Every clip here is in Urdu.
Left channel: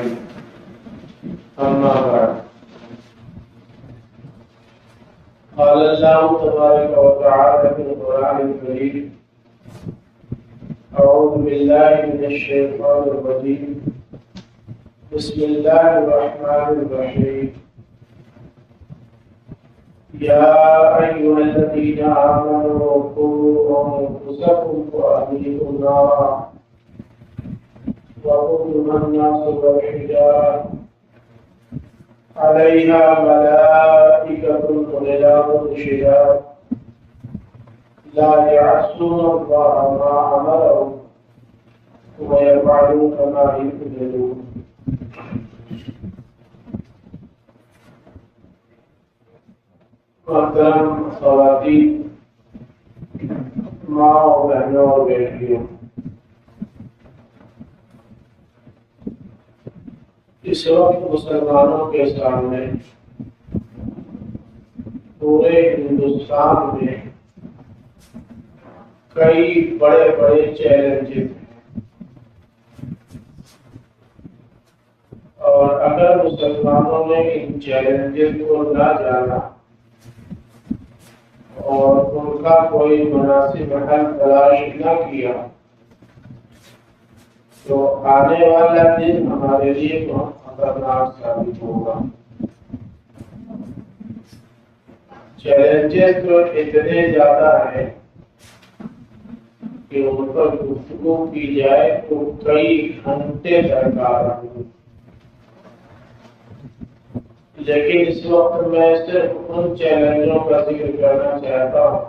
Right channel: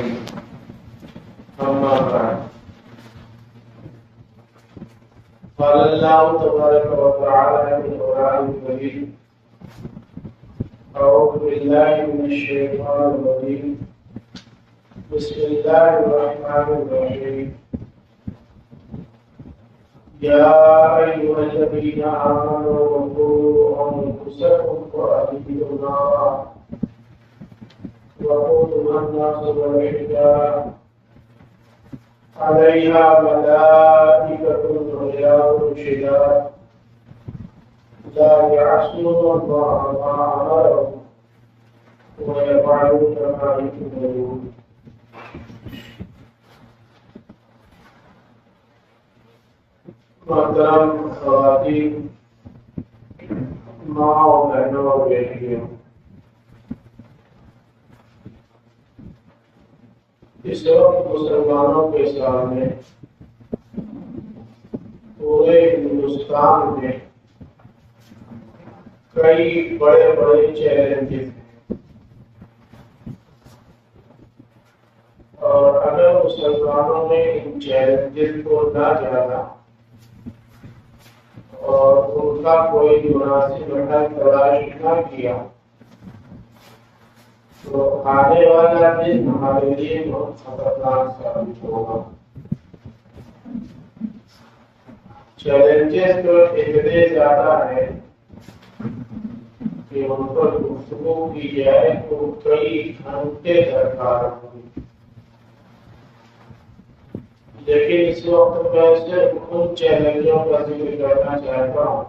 أجمعين. أما بعد، قال الله تبارك وتعالى في القرآن الكريم: أعوذ بالله من الشيطان الرجيم، بسم الله الرحمن الرحيم. يا أيها الذين آمنوا قوا أنفسكم وأهليكم نارا وقودها الناس والحجارة عليها ملائكة غلاظ شداد لا يعصون الله ما أمرهم ويفعلون ما يؤمرون. محترم خواتین، ماں اور بہنوں اور بیٹیوں، اس وقت مسلمانوں کے سامنے پورے ہندوستان میں کئی بڑے بڑے چیلنجز ہیں، اور اگر مسلمانوں نے ان چیلنجز کو نہ جانا اور ان کا کوئی مناسب حل تلاش نہ کیا تو آنے والا دن ہمارے لیے بہت خطرناک ثابت ہوگا۔ چیلنجز تو اتنے زیادہ ہیں کہ ان پر گفتگو کی جائے تو کئی گھنٹے درکار ہوں، لیکن اس وقت میں صرف ان چیلنجوں کا ذکر کرنا چاہتا ہوں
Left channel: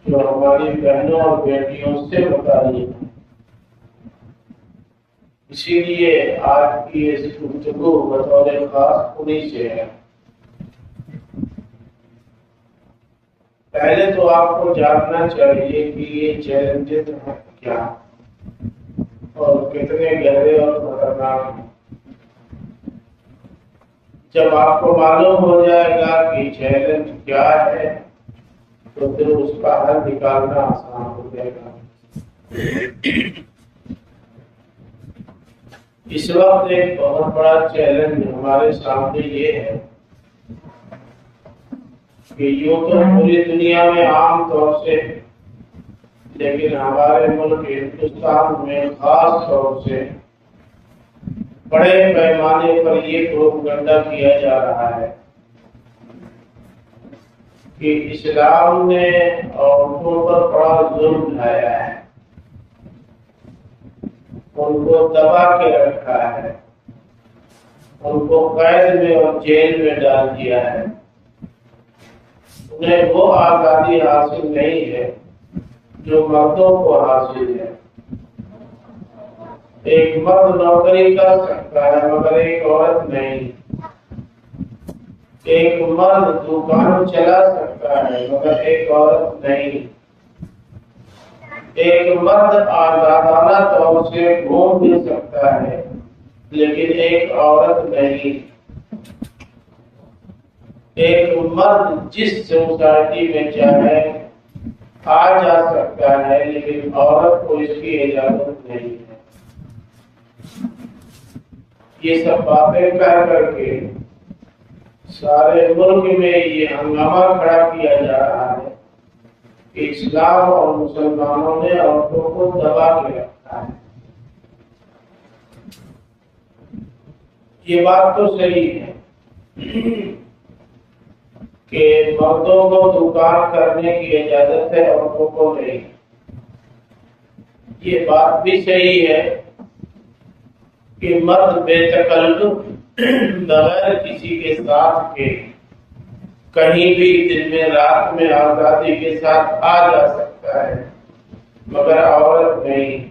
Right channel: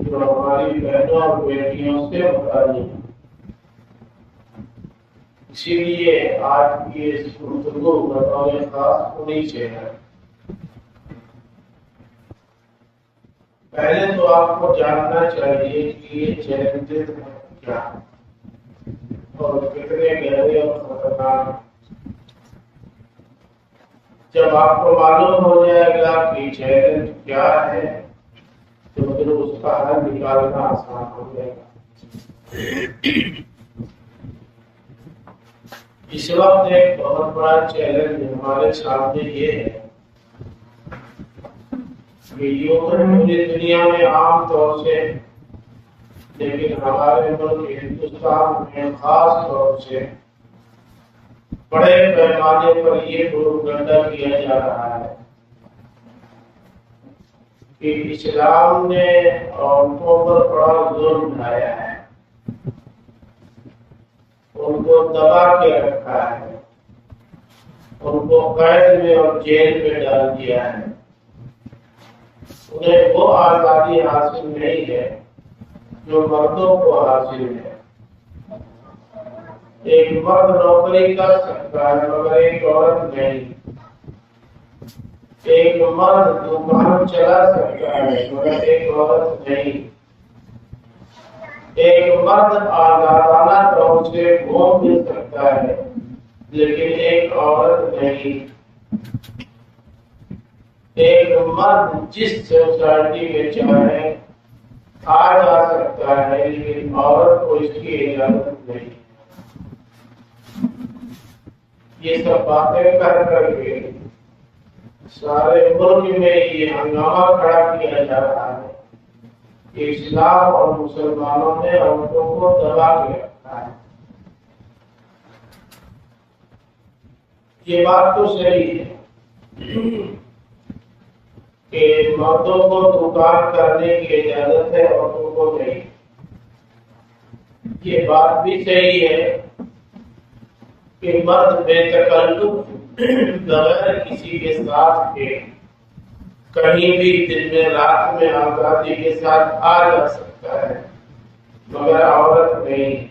جو ہماری بہنوں اور بیٹیوں سے متعلق ہیں۔ اسی لیے آج کی اس گفتگو بطور خاص انہی سے ہے۔ پہلے تو آپ کو جاننا چاہیے کہ یہ چیلنجز ہیں کیا اور کتنے گہرے اور خطرناک ہیں۔ جب آپ کو معلوم ہو جائے گا کہ چیلنج کیا ہے تو پھر اس کا حل نکالنا آسان ہو جائے گا۔ اس وقت ایک بہت بڑا چیلنج ہمارے سامنے یہ ہے کہ یوں تو پوری دنیا میں عام طور سے، لیکن ہمارے ملک ہندوستان میں خاص طور سے بڑے پیمانے پر یہ پروپیگنڈا کیا جا رہا ہے کہ اسلام نے عورتوں پر بڑا ظلم ڈھایا ہے، ان کو دبا کے رکھا ہے، ان کو قید میں اور جیل میں ڈال دیا ہے، انہیں وہ آزادی حاصل نہیں ہے جو مردوں کو حاصل ہے۔ ایک مرد نوکری کر سکتا ہے مگر ایک عورت نہیں، ایک مرد دکان چلا سکتا ہے مگر ایک عورت نہیں، ایک مرد آزادانہ طور سے گھوم بھی سکتا ہے لیکن ایک عورت نہیں، ایک مرد جس سوسائٹی میں چاہے آ جا سکتا ہے لیکن عورت کو اس کی اجازت نہیں ہے۔ یہ سب باتیں کر کر کے سارے ملک میں یہ ہنگامہ کھڑا کیا جا رہا ہے کہ اسلام اور مسلمانوں نے عورتوں کو دبا کے رکھا ہے۔ یہ بات تو صحیح ہے کہ مردوں کو دکان کرنے کی اجازت ہے، عورتوں کو نہیں۔ یہ بات بھی صحیح ہے کہ مرد بے تکلف بغیر کسی کے ساتھ کے کہیں بھی دن میں رات میں آزادی کے ساتھ آ جا سکتا ہے مگر عورت نہیں۔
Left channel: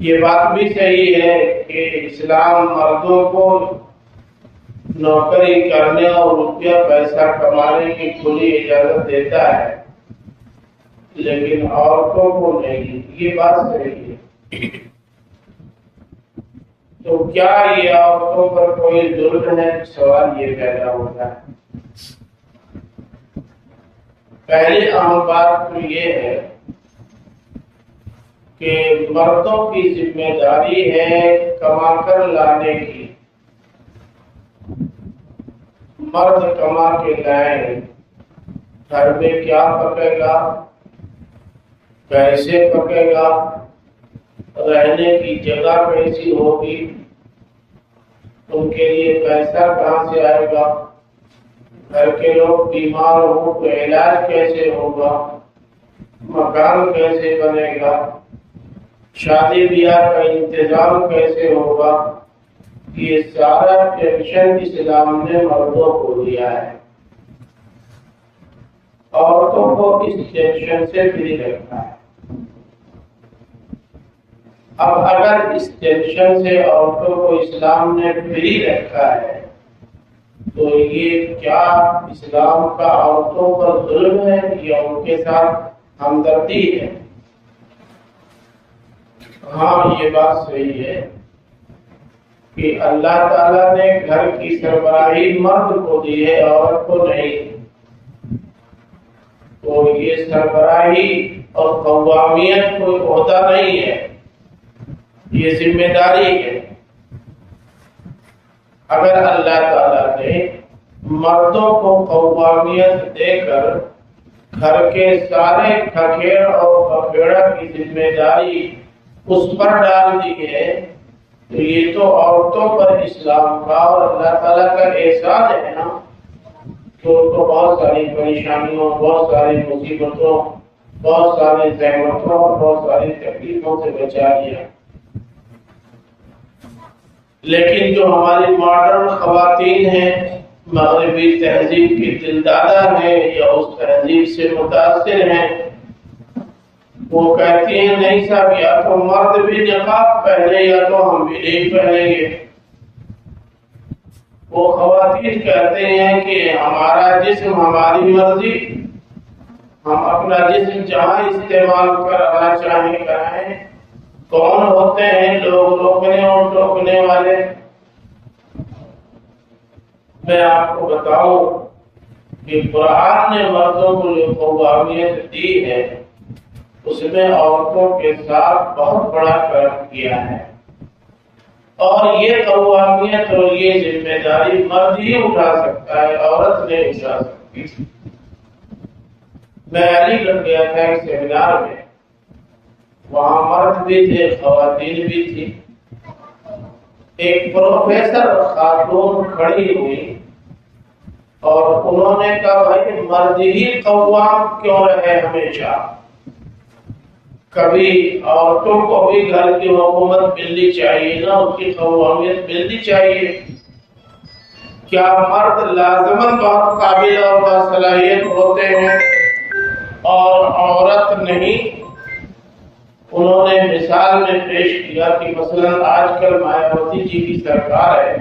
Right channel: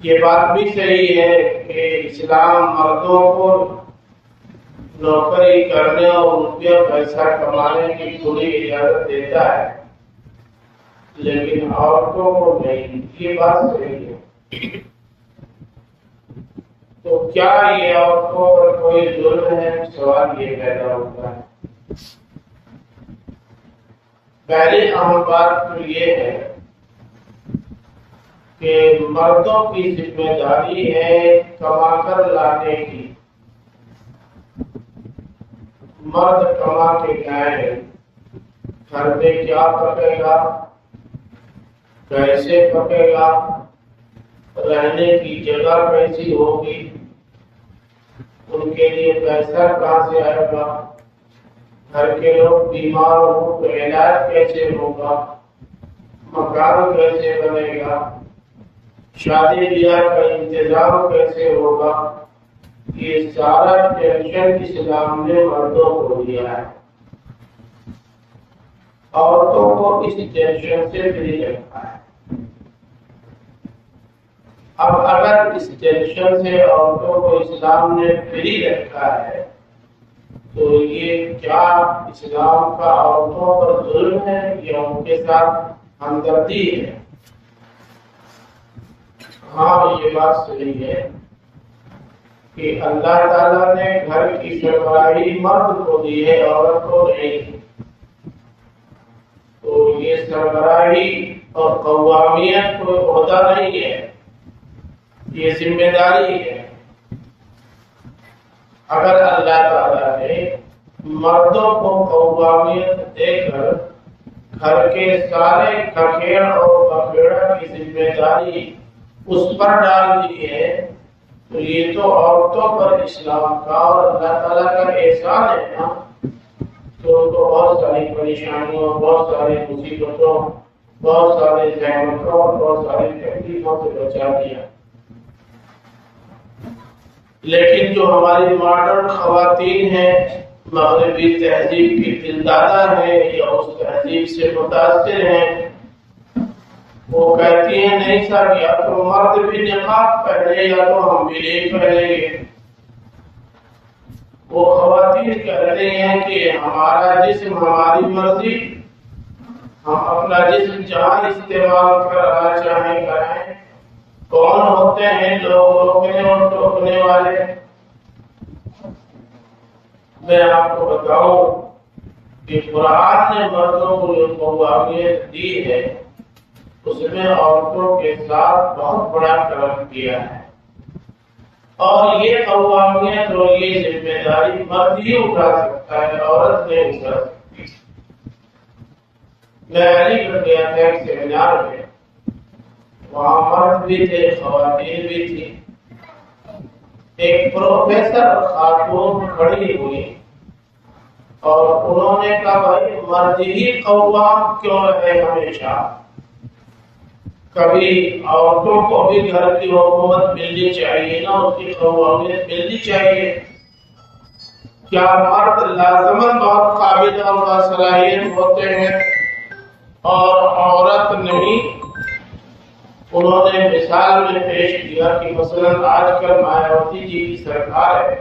یہ بات بھی صحیح ہے کہ اسلام مردوں کو نوکری کرنے اور روپیہ پیسہ کمانے کی کھلی اجازت دیتا ہے لیکن عورتوں کو نہیں۔ یہ بات صحیح ہے۔ تو کیا یہ عورتوں پر کوئی ظلم ہے؟ سوال یہ پیدا ہوتا ہے۔ پہلی اہم بات تو یہ ہے کہ مردوں کی ذمہ داری ہے کما کر لانے کی، مرد کما کے لائیں، گھر میں کیا پکے گا، کیسے پکے گا، رہنے کی جگہ کیسی ہوگی، ان کے لیے پیسہ کہاں سے آئے گا، گھر کے لوگ بیمار ہوں تو علاج کیسے ہوگا، مکان کیسے بنے گا، شادی بیاہ کا انتظام کیسے ہوگا، یہ سارا ٹینشن اسلام نے مردوں کو دیا ہے، عورتوں کو اس ٹینشن سے فری رکھا ہے۔ اب اگر اس ٹینشن سے عورتوں کو اسلام نے فری رکھا ہے تو یہ کیا اسلام کا عورتوں پر ظلم ہے یا ان کے ساتھ ہمدردی ہے؟ ہاں، یہ بات صحیح ہے کہ اللہ تعالیٰ نے گھر کی سربراہی مرد کو دی ہے، عورت کو نہیں، تو یہ سربراہی اور قوامیت کوئی عہدہ نہیں ہے، یہ ذمہ داری ہے۔ اگر اللہ تعالیٰ نے مردوں کو قوامیت دے کر گھر کے سارے کھکیڑ اور پکیڑا کی ذمہ داری اس پر ڈال دی ہے تو یہ تو عورتوں پر اسلام کا اور اللہ تعالیٰ کا احسان ہے نا، تو بہت ساری پریشانیوں، بہت ساری مصیبتوں، بہت سارے زحمتوں اور بہت ساری تکلیفوں سے بچا دیا۔ لیکن جو ہماری ماڈرن خواتین ہیں، مغربی تہذیب کی دلدادہ ہیں یا اس تہذیب سے متاثر ہیں، وہ کہتی ہیں نہیں صاحب، یا تو مرد بھی نقاب پہنے یا تو ہم بھی نہیں پہنیں گے۔ وہ خواتین کہتے ہیں کہ ہمارا جسم ہماری مرضی، ہم اپنا جسم جہاں استعمال کرنا چاہیں کریں۔ کون ہوتے ہیں لوگ روکنے اور ٹوکنے والے؟ میں آپ کو بتاؤں کہ قرآن نے مردوں کو جو قوامیت دی ہے اس میں عورتوں کے ساتھ بہت بڑا کرم کیا ہے، اور یہ قوامیت اور یہ ذمہ داری مرد ہی اٹھا سکتا ہے، عورت نہیں اٹھا سکتی۔ میں علی گڑھ گیا تھا ایک سیمینار میں، وہاں مرد بھی تھے، خواتین بھی تھی۔ ایک پروفیسر خاتون کھڑی ہوئی اور انہوں نے کہا بھائی مرد ہی قوام کیوں رہے ہمیشہ، کبھی عورتوں کو بھی گھر کی حکومت ملنی چاہیے نا، اس کی قوامیت ملنی چاہیے۔ کیا مرد لازماً بہت قابل اور باصلاحیت ہوتے ہیں اور عورت نہیں؟ انہوں نے مثال میں پیش کیا کہ مثلاً آج کل مایاوتی جی کی سرکار ہے،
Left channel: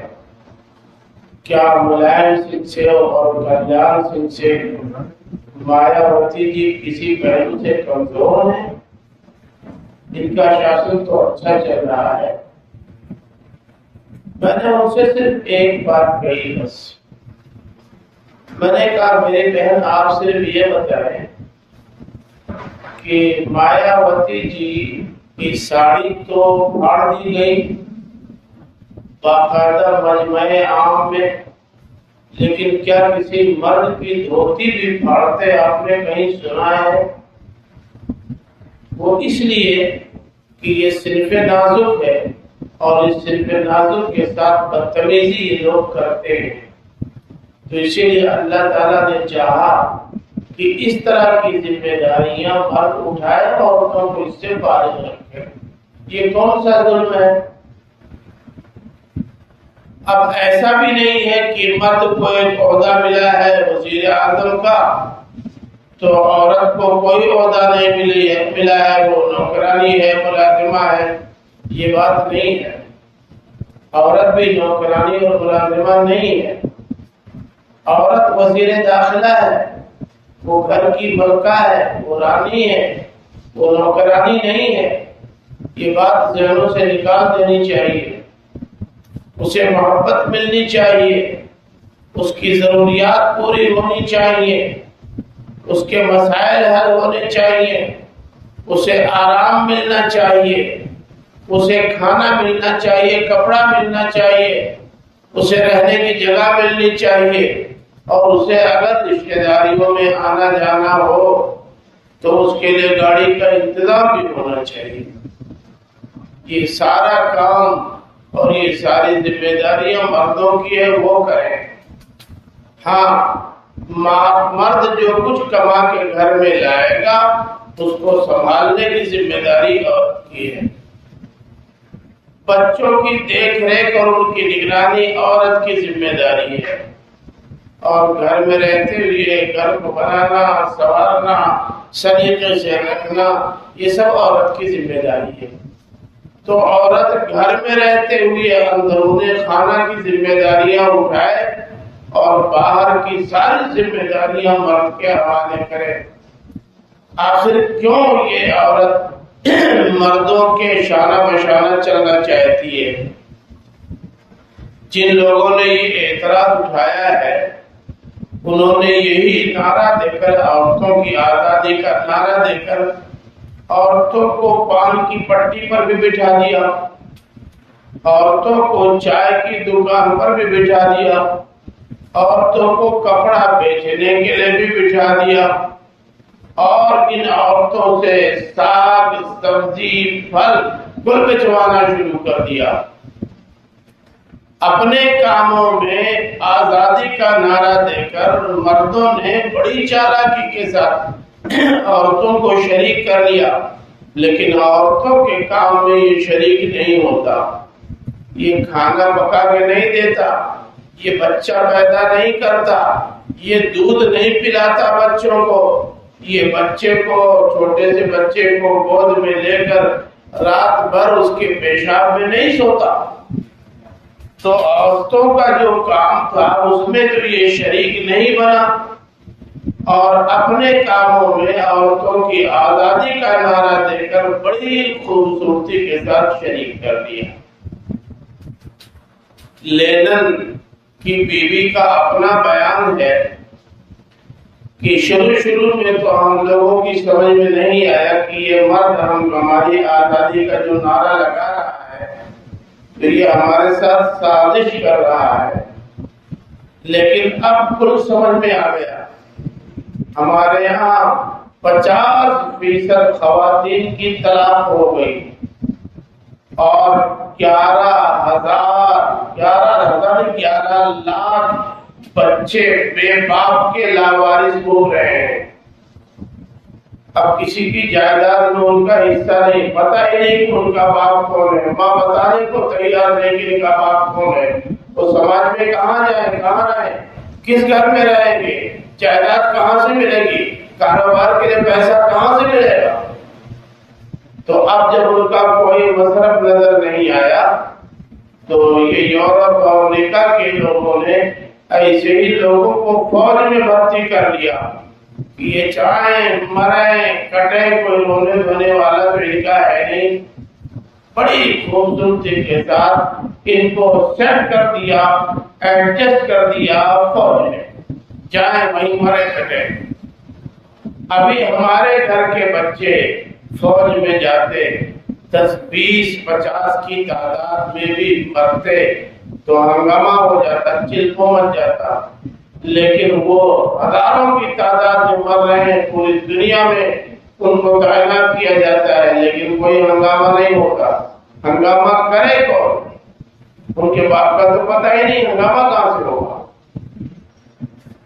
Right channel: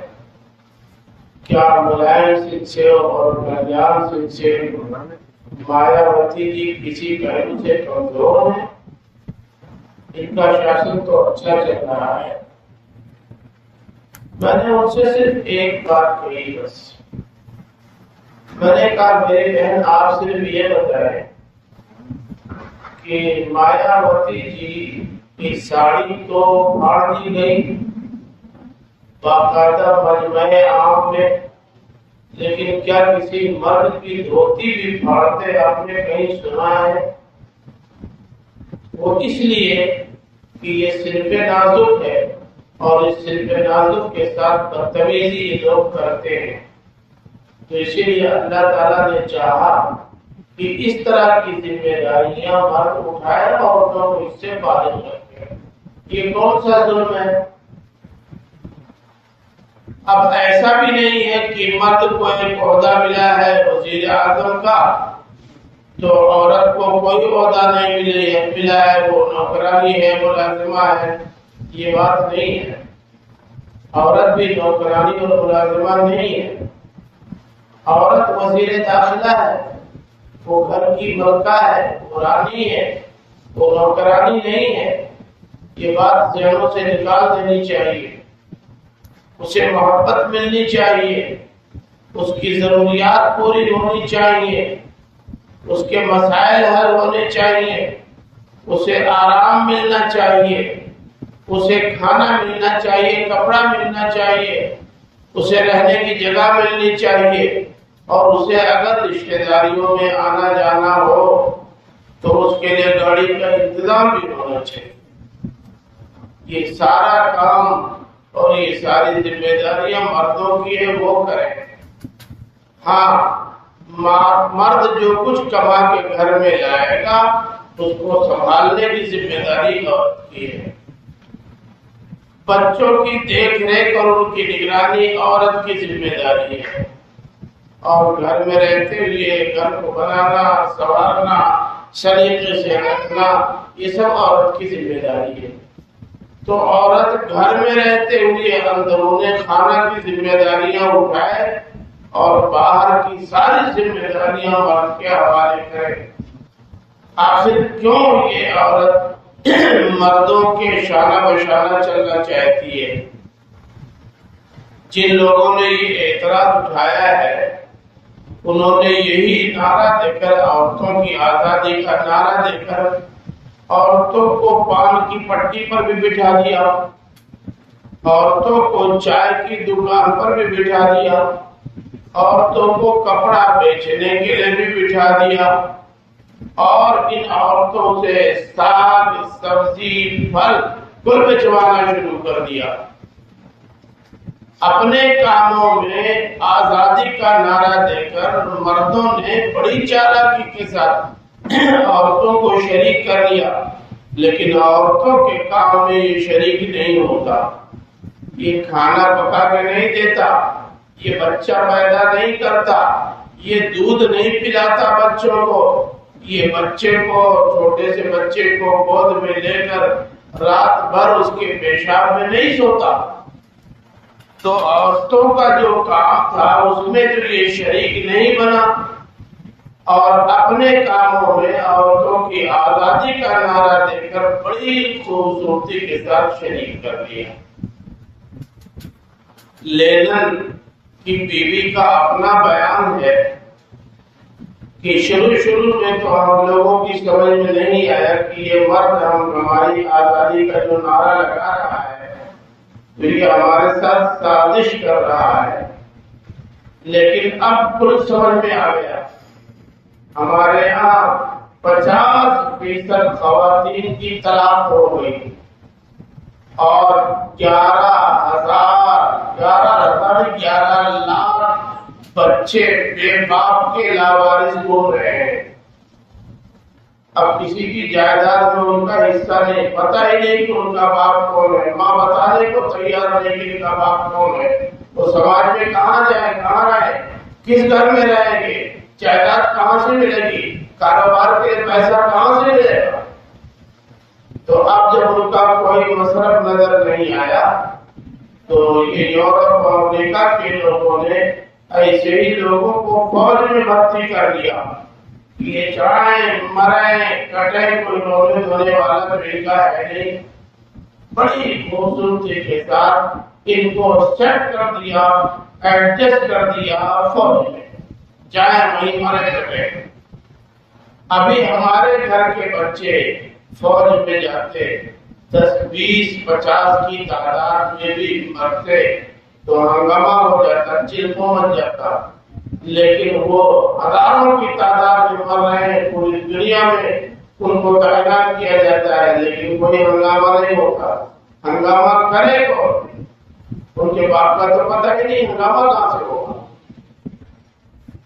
کیا ملائم سنگھ سے اور کلیان سنگھ سے مایاوتی جی کسی پہلو سے کمزور ہیں؟ ان کا شاسن تو اچھا چل رہا ہے۔ میں نے ان سے صرف ایک بات کہی، بس میں نے کہا میری بہن آپ صرف یہ بتائیں کہ مایاوتی جی کی ساڑی تو پھاڑ دی گئی باقاعدہ مجمع عام میں، لیکن کیا کسی مرد کی دھوتی بھی پھاڑتے آپ نے کہیں سنا ہے؟ وہ اس لیے کہ یہ صرف نازک ہے اور اس صرف نازک کے ساتھ بدتمیزی یہ لوگ کرتے ہیں، تو اسی لیے اللہ تعالیٰ نے چاہا کہ اس طرح کی ذمہ داریاں مرد اٹھائے، عورتوں کو اس سے فارغ رکھے۔ یہ کون سا ظلم ہے؟ اب ایسا بھی نہیں ہے کہ مرد کو ایک عہدہ ملا ہے وزیر اعظم کا تو عورت کو کوئی عہدہ نہیں ملا ہے، وہ نوکرانی ہے، ملازمہ ہے۔ یہ بات نہیں ہے، عورت بھی نوکرانی اور ملازمہ نہیں ہے۔ عورت وزیر داخلہ ہے، وہ گھر کی ملکہ ہے، وہ رانی ہے، وہ نوکرانی نہیں ہے۔ یہ بات ذہنوں سے نکال دینی چاہیے۔ اسے محبت ملنی چاہیے، اس کی ضروریات پوری ہونی چاہیے، اس کے مسائل حل ہونے چاہیے، اسے آرام ملنا چاہیے، اسے کھانا ملنا چاہیے، کپڑا ملنا چاہیے، اسے رہنے کی جگہ ملنی چاہیے، اور اسے اگر رشتہ داریوں میں آنا جانا ہو تو اس کے لیے گاڑی کا انتظام بھی ہونا چاہیے۔ یہ سارا کام اور یہ ساری ذمہ داریاں مردوں کی ہے، وہ کریں۔ ہاں، مرد جو کچھ کما کے گھر میں لائے گا اس کو سنبھالنے کی ذمہ داری عورت کی ہے۔ بچوں کی دیکھ ریکھ اور ان کی نگرانی عورت کی ذمہ داری ہے، اور گھر میں رہتے ہوئے گھر کو بنانا، سنوارنا، سلیقے سے رکھنا، یہ سب عورت کی ذمہ داری ہے۔ تو عورت گھر میں رہتے ہوئے اندرون خانہ کی ذمہ داریاں اٹھائے اور باہر کی ساری ذمہ داریاں مرد کے حوالے کرے۔ آخر کیوں یہ عورت مردوں کے شانہ بشانہ چلنا چاہتی ہے؟ جن لوگوں نے یہ اعتراض اٹھایا ہے انہوں نے یہی نعرہ دے کر، عورتوں کی آزادی کا نعرہ دے کر، عورتوں کو پان کی پٹی پر بھی بٹھا دیا، عورتوں کو چائے کی دکان پر بھی بٹھا دیا، عورتوں کو کپڑا بیچنے کے لیے بھی بٹھا دیا، اور ان عورتوں سے ساگ، سبزی، پھل کل بچوانا شروع کر دیا۔ اپنے کاموں میں آزادی کا نعرہ دے کر مردوں نے بڑی چالاکی کے ساتھ عورتوں کو شریک کر لیا، لیکن عورتوں کے کام میں یہ شریک نہیں ہوتا، یہ کھانا پکا کے نہیں دیتا، یہ بچہ پیدا نہیں کرتا، یہ دودھ نہیں پلاتا بچوں کو، یہ بچے کو، چھوٹے سے بچے کو گود میں لے کر رات بھر اس کے پیشاب میں نہیں سوتا۔ تو عورتوں کا جو کام تھا اس میں تو یہ شریک نہیں بنا، اور اپنے کاموں میں عورتوں کی آزادی کا نعرہ دے کر بڑی خوبصورتی کے ساتھ شریک کر دیا۔ لینن کی بیوی کا اپنا بیان ہے کہ شروع میں تو ہم لوگوں کی سمجھ میں نہیں آیا کہ یہ مرد ہماری آزادی کا جو نعرہ لگا رہا ہے تو یہ ہمارے ساتھ سازش کر رہا ہے، لیکن اب کل سمجھ میں آ گیا۔ ہمارے یہاں 50% خواتین کی طلاق ہو گئی، اور 11 لاکھ بچے بے باپ کے لاوارث گھوم رہے ہیں۔ اب کسی کی جائیداد میں ان کا حصہ نہیں، پتہ ہی نہیں کہ ان کا باپ کون ہے، ماں بتانے کو تیار نہیں کہ ان کا باپ کون ہے۔ وہ سماج میں کہاں جائیں، کہاں رہیں، کس گھر میں رہیں گے، جائیداد کہاں سے ملے گی، کاروبار کے لیے پیسہ کہاں سے ملے گا؟ تو اب جب ان کا کوئی مصرف نظر نہیں آیا تو یہ یورپ اور امریکہ کے لوگوں نے ایسے ہی لوگوں کو فوج میں بھرتی کر لیا کہ یہ چاہیں مریں کٹیں، کوئی رونے دھونے والا تو ان کا ہے نہیں۔ بڑی خوبصورتی کے ساتھ ان کو سیٹ کر دیا، ایڈجسٹ کر دیا فوج میں، چاہیں وہیں مرے کٹے۔ ابھی ہمارے گھر کے بچے فوج میں جاتے 10، 20، 50 کی تعداد میں بھی مرتے تو ہنگامہ ہو جاتا، چلکوں مچ جاتا، لیکن وہ ہزاروں کی تعداد میں مر رہے ہیں پوری دنیا میں، ان کو تعینات کیا جاتا ہے لیکن کوئی ہنگامہ نہیں ہوتا۔ ہنگامہ کرے کون؟ ان کے باپ کا تو پتہ ہی نہیں، ہنگامہ کہاں سے ہوگا؟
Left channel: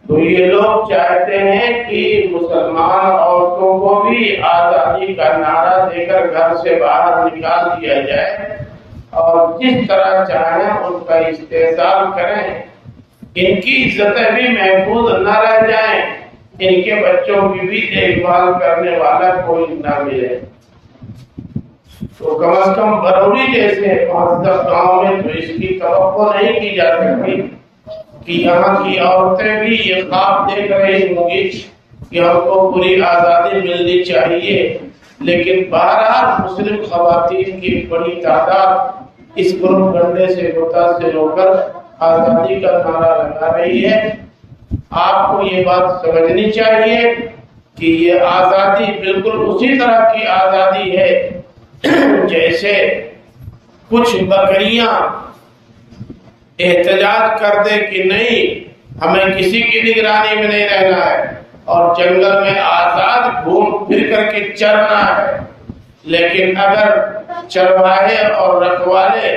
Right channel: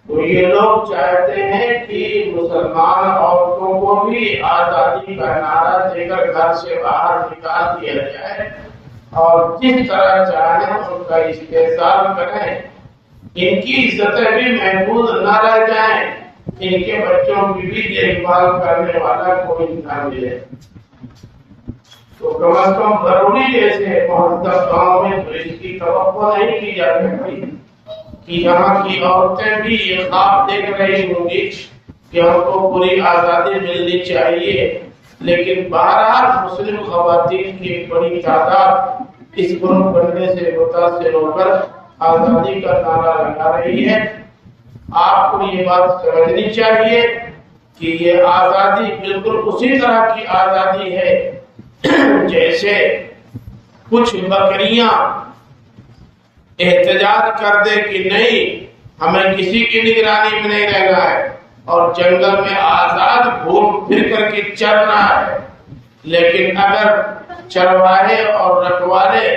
تو یہ لوگ چاہتے ہیں کہ مسلمان عورتوں کو بھی آزادی کا نعرہ دے کر گھر سے باہر نکال دیا جائے، اور جس طرح چاہیں ان کا استحصال کریں، ان کی عزتیں بھی محفوظ نہ رہ جائیں، ان کے بچوں کی بھی دیکھ بھال کرنے والا کوئی نہ ملے۔ تو کم از کم بروری جیسے مہذب گاؤں میں تو اس کی توقع نہیں کی جا سکتی کہ یہاں کی عورتیں بھی یہ خواب دیکھ رہی ہوں گی کہ ہم کو پوری آزادی ملنی چاہیے، لیکن بہرحال مسلم خواتین کی بڑی تعداد اس پروپیگنڈے سے متاثر ہو کر آزادی کا نعرہ لگا رہی ہے۔ آپ کو یہ بات سمجھنی چاہیے کہ یہ آزادی بالکل اسی طرح کی آزادی ہے جیسے کچھ بکریاں احتجاج کر دے کہ نہیں ہمیں کسی کی نگرانی میں نہیں رہنا ہے اور جنگل میں آزاد گھوم پھر کر کے چرنا ہے، لیکن اگر چرواہے اور رکھوالے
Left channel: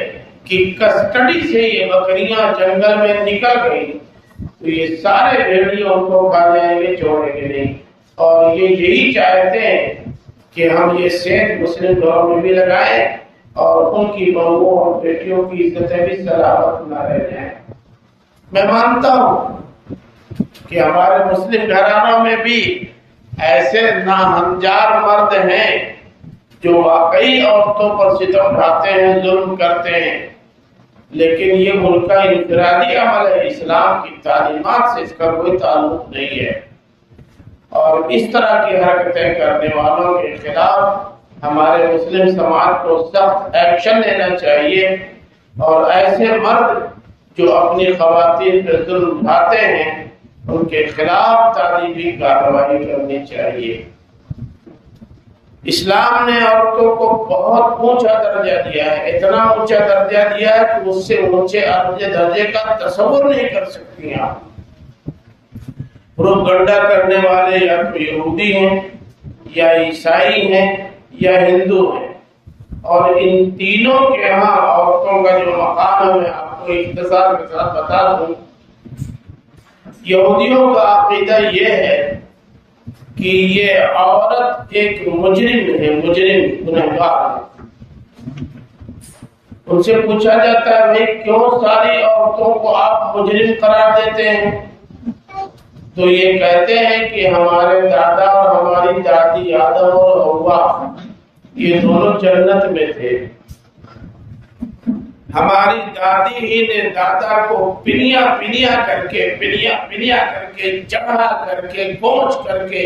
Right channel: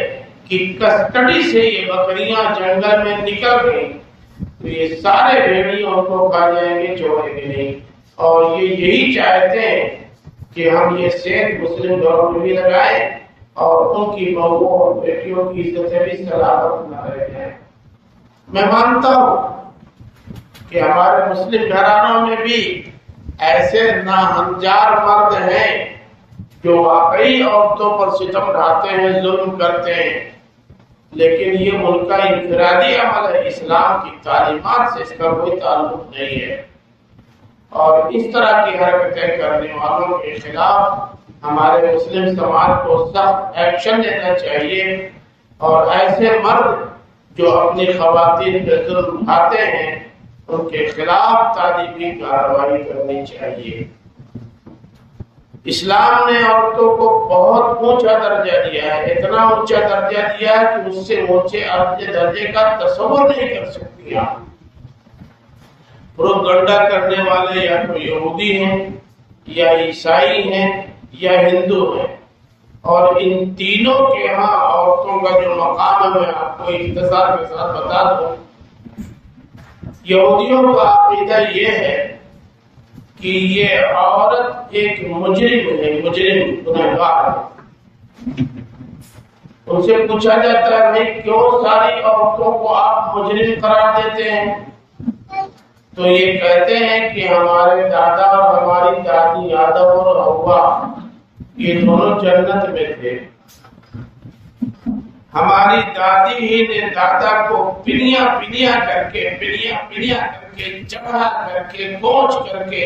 کی کسٹڈی سے یہ بکریاں جنگل میں نکل گئی تو یہ سارے بھیڑیے ان کو کھا جائیں گے، چھوڑیں گے نہیں۔ اور یہ یہی چاہتے ہیں کہ ہم یہ صحت مسلم دور میں بھی لگائیں اور ان کی بہوؤں اور بیٹیوں کی عزتیں بھی سلامت نہ رہ جائیں۔ میں مانتا ہوں کہ ہمارے مسلم گھرانوں میں بھی ایسے ناہنجار مرد ہیں جو واقعی عورتوں پر ستم ڈھاتے ہیں، ظلم کرتے ہیں، لیکن یہ ان کا انفرادی عمل ہے، اسلام کی تعلیمات سے اس کا کوئی تعلق نہیں ہے۔ اور اس طرح کی حرکتیں کرنے والوں کے خلاف ہمارے مسلم سماج کو سخت ایکشن لینا چاہیے، اور ایسے مرد جو اپنی خواتین پر ظلم ڈھاتے ہیں ان کے خلاف تعلیمی کارروائی کرنی چاہیے۔ اسلام نے عورتوں کو بہت اونچا درجہ دیا ہے، اتنا اونچا درجہ دیا ہے کہ اس سے اونچے درجے کا تصور نہیں کر سکتی آپ۔ پروپیگنڈا کرنے والے یا تو یہودی ہیں یا عیسائی ہیں یا ہندو ہیں، اور ان تینوں کے ہاں عورتوں کا جو مقام ہے میں آپ کو اختصار کے ساتھ بتا دوں۔ یہودیوں کا عقیدہ یہ ہے کہ یہ عورت ایک مجرم ہے، مجرم گنہگار ہے۔ ان سے پوچھا جاتا ہے بھائی کیوں ساری عورتوں کو آپ مجرم قرار دیتے ہیں؟ تو یہ کہتے ہیں کہ ہمارے دادا اور ہماری دادی آدم اور حوا یہ دونوں جنت میں تھے، ہماری دادی ہی نے دادا کو پنیا پنیا کر کے چڑھا کر کے گونج کر کے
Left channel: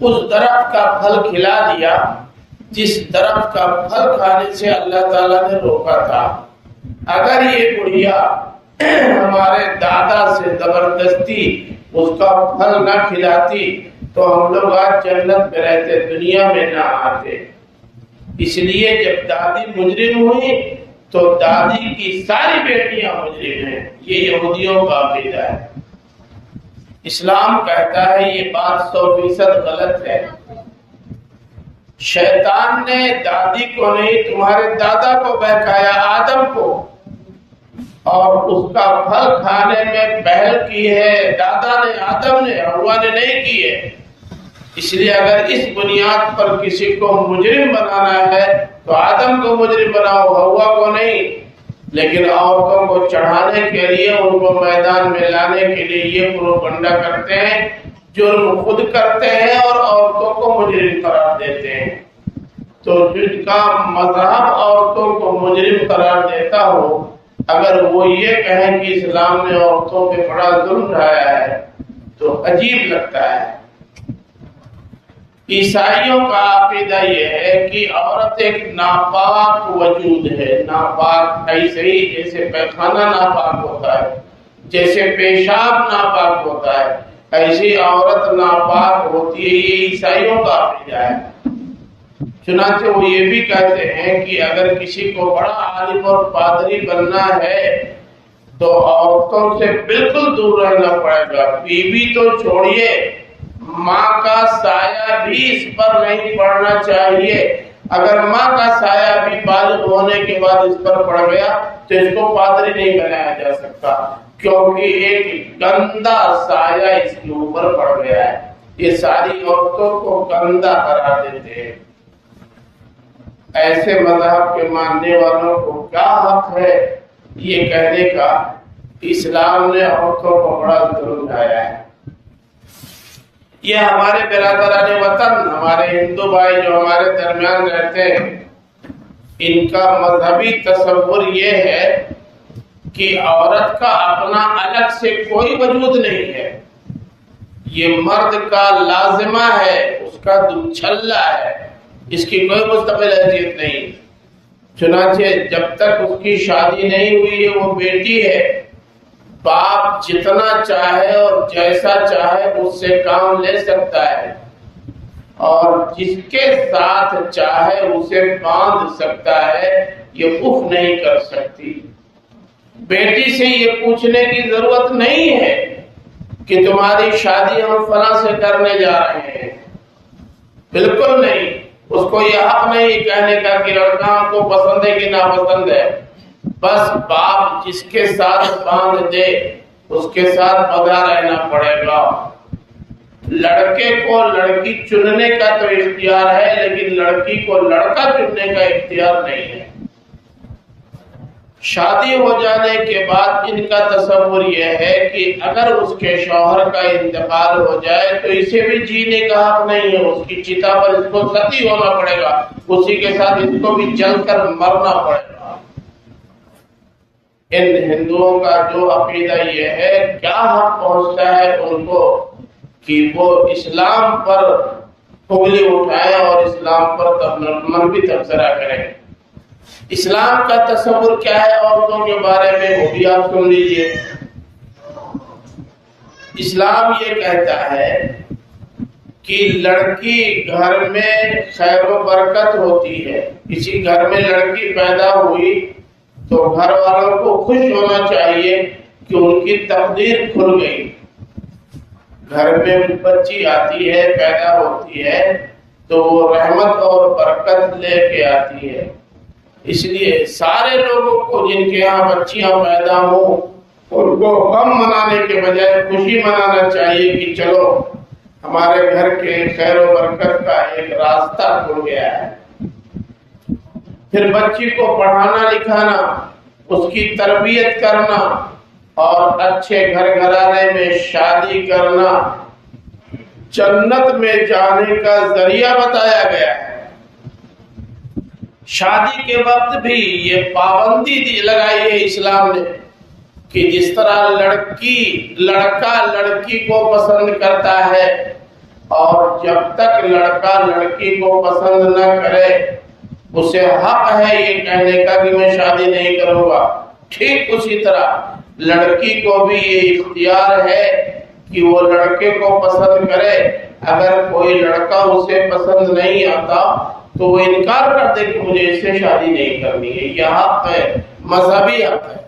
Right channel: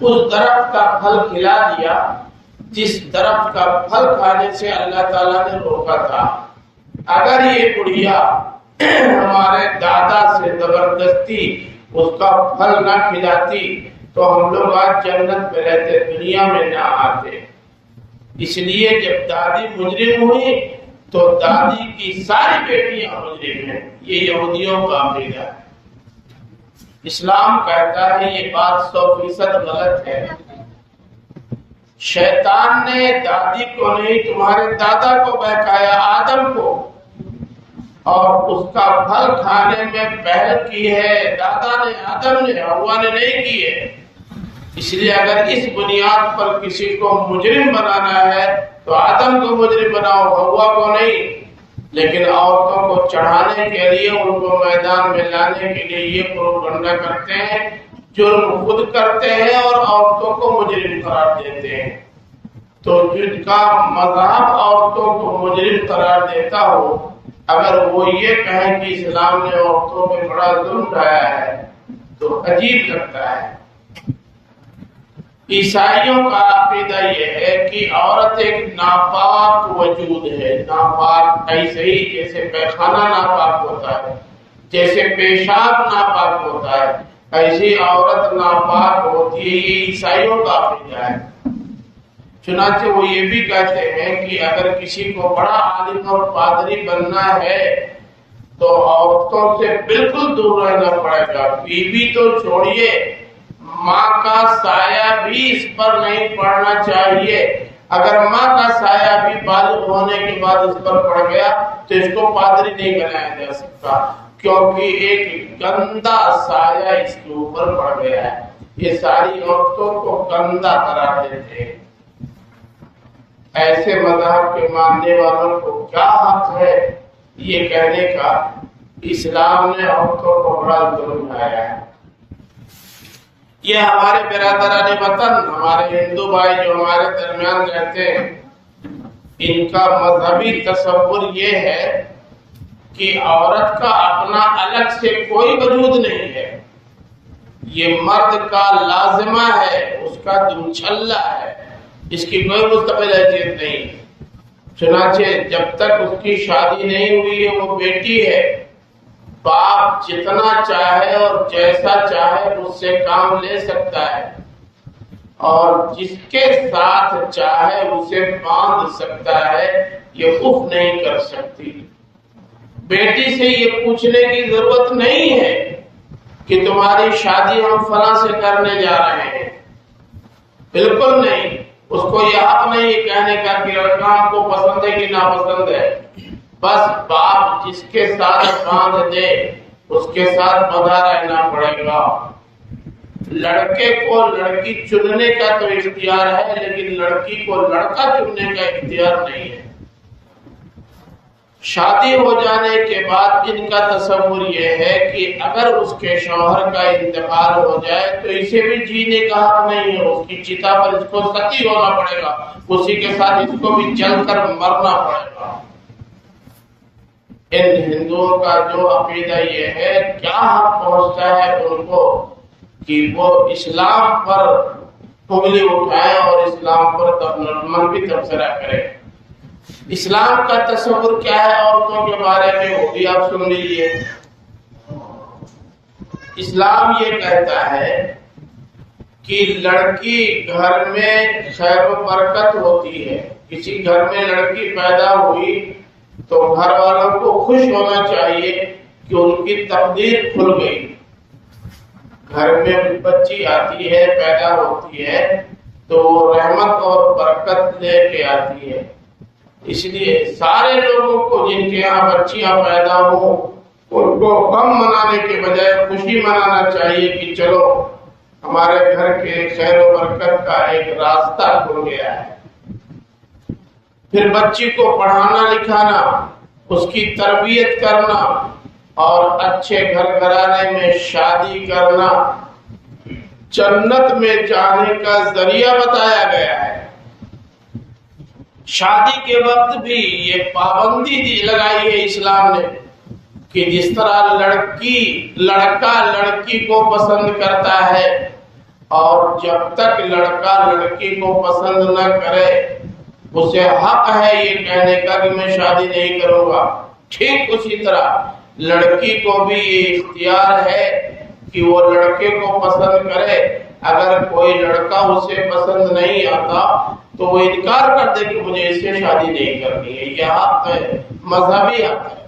اس درخت کا پھل کھلا دیا جس درخت کا پھل کھانے سے اللہ تعالیٰ نے روکا تھا۔ اگر یہ گڑیا ہمارے دادا سے زبردستی اس کا پھل نہ کھلاتی تو ہم لوگ آج جنت میں رہتے، دنیا میں نہ آتے۔ اس لیے جب دادی مجرم ہوئی تو دادی کی ساری بیٹیاں مجرم ہیں، یہ یہودیوں کا عقیدہ ہے۔ اسلام کہتا ہے یہ بات 100% غلط ہے۔ شیطان نے دادی کو نہیں تمہارے دادا کو بہکایا، آدم کو، اور اس کا پھل کھانے میں پہل کی ہے دادا نے، آدم نے، حوا نے نہیں کی ہے۔ اس لیے اگر اس بنیاد پر کسی کو مجرم بنانا ہے تو آدم کو مجرم بناؤ، حوا کو نہیں۔ لیکن عورتوں کو چڑھانے کے لیے، ان کو میدان میں لانے کے لیے یہ پروپیگنڈا کرتے ہیں، جرم خود کرتے ہیں اور عورتوں کو مجرم قرار دیتے ہیں۔ تو جن کا مذہب عورتوں کو مجرم قرار دیتا ہو، اگر وہ یہ کہیں کہ اسلام نے عورتوں پہ بڑا ظلم ڈھایا ہے تو عجیب لگتا ہے۔ عیسائیوں کا عقیدہ یہ ہے کہ عورت ایک ناپاک وجود ہے، ناپاک ایسے ہی جیسے پیخانہ ناپاک ہوتا ہے، جیسے پیشاب ناپاک ہوتا ہے، ایسی عورت ناپاک ہوتی ہے۔ یہ عیسائیوں کا عقیدہ ہے۔ چنانچہ وہ یہ بھی کہتے ہیں کہ اگر کسی کو بڑا عالم اور پادری بننا ہے تو عورتوں سے بالکل دور رہنا پڑے گا۔ بیوی تو چھوڑیے، ماں کا سایہ بھی اس پر نہیں پڑنا چاہیے۔ اگر ماں کا سایہ بھی بالغ ہونے کے بعد اس پر پڑ گیا تو اس کو پادری نہیں بنایا جا سکتا، کیونکہ ایک گندا سایہ اس کے اوپر پڑ گیا ہے۔ یہ ساری عورتوں کو گندا قرار دیتے ہیں۔ ایسے مذہب کے ماننے والوں کو کیا حق ہے یہ کہنے کا اسلام نے عورتوں کو بڑا ظلم ڈھایا ہے؟ یہ ہمارے برادران وطن، ہمارے ہندو بھائی جو ہمارے درمیان رہتے ہیں، ان کا مذہبی تصور یہ ہے کہ عورت کا اپنا الگ سے کوئی وجود نہیں ہے، یہ مرد کا لازمہ ہے، اس کا دوچھلا ہے، اس کی کوئی مستقل حیثیت نہیں۔ چنانچہ جب تک اس کی شادی نہیں ہوئی ہے وہ بیٹی ہے، باپ جتنا چاہے اور جیسا چاہے اس سے کام لے سکتا ہے، اور جس کے ساتھ چاہے اسے باندھ سکتا ہے، یہ اف نہیں کر سکتی۔ بیٹی سے یہ پوچھنے کی ضرورت نہیں ہے کہ تمہاری شادی ہم فلاں سے کرنے جا رہے ہیں، بالکل نہیں۔ اس کو یہ حق نہیں کہنے کا کہ لڑکا ہم کو پسند ہے کہ ناپسند ہے۔ بس باپ جس کے ساتھ باندھ دے اس کے ساتھ بندھا رہنا پڑے گا۔ لڑکے کو لڑکی چننے کا تو اختیار ہے، لیکن لڑکی کو لڑکا چننے کا اختیار نہیں ہے۔ شادی ہو جانے کے بعد ان کا تصور یہ ہے کہ اگر اس کے شوہر کا انتقال ہو جائے تو اسے بھی جینے کا حق نہیں ہے، اس کی چتا پر اس کو ستی ہونا پڑے گا، اسی کے ساتھ اس کو بھی جل کر مرنا پڑے گا۔ ان ہندوؤں کا جو عقیدہ یہ ہے، کیا حق پہنچتا ہے ان کو کہ وہ اسلام پر انگلی اٹھائیں اور اسلام پر منفی تبصرہ کریں۔ اسلام کا تصور کیا ہے عورتوں کے بارے میں، وہ بھی آپ سن لیجئے۔ اسلام یہ کہتا ہے کہ لڑکی گھر میں خیر و برکت ہوتی ہے۔ کسی گھر میں لڑکی پیدا ہوئی تو گھر والوں کو خوش ہونا چاہیے کہ ان کی تقدیر کھل گئی۔ گھر میں بچی آتی ہے، پیدا ہوتی ہے تو وہ رحمت اور برکت لے کے آتی ہے۔ اس لیے سارے لوگوں کو جن کے یہاں بچیاں پیدا ہوں ان کو غم منانے کے بجائے خوشی منانا چاہیے کہ چلو ہمارے گھر کے خیر و برکت کا ایک راستہ کھل گیا ہے۔ پھر بچی کو پڑھانا لکھانا، اس کی تربیت کرنا اور اچھے گھر گھرانے میں شادی کرنا جنت میں جانے کا ذریعہ بتایا گیا ہے۔ شادی کے وقت بھی یہ پابندی لگائی ہے اسلام نے کہ جس طرح لڑکا لڑکی کو پسند کرتا ہے اور جب تک لڑکا لڑکی کو پسند نہ کرے اسے حق ہے یہ کہنے کا کہ میں شادی نہیں کروں گا، ٹھیک اسی طرح لڑکی کو بھی یہ اختیار ہے کہ وہ لڑکے کو پسند کرے۔ اگر کوئی لڑکا اسے پسند نہیں آتا تو وہ انکار کر دے کہ مجھے اس سے شادی نہیں کرنی ہے، یہ حق ہے، مذہبی حق ہے۔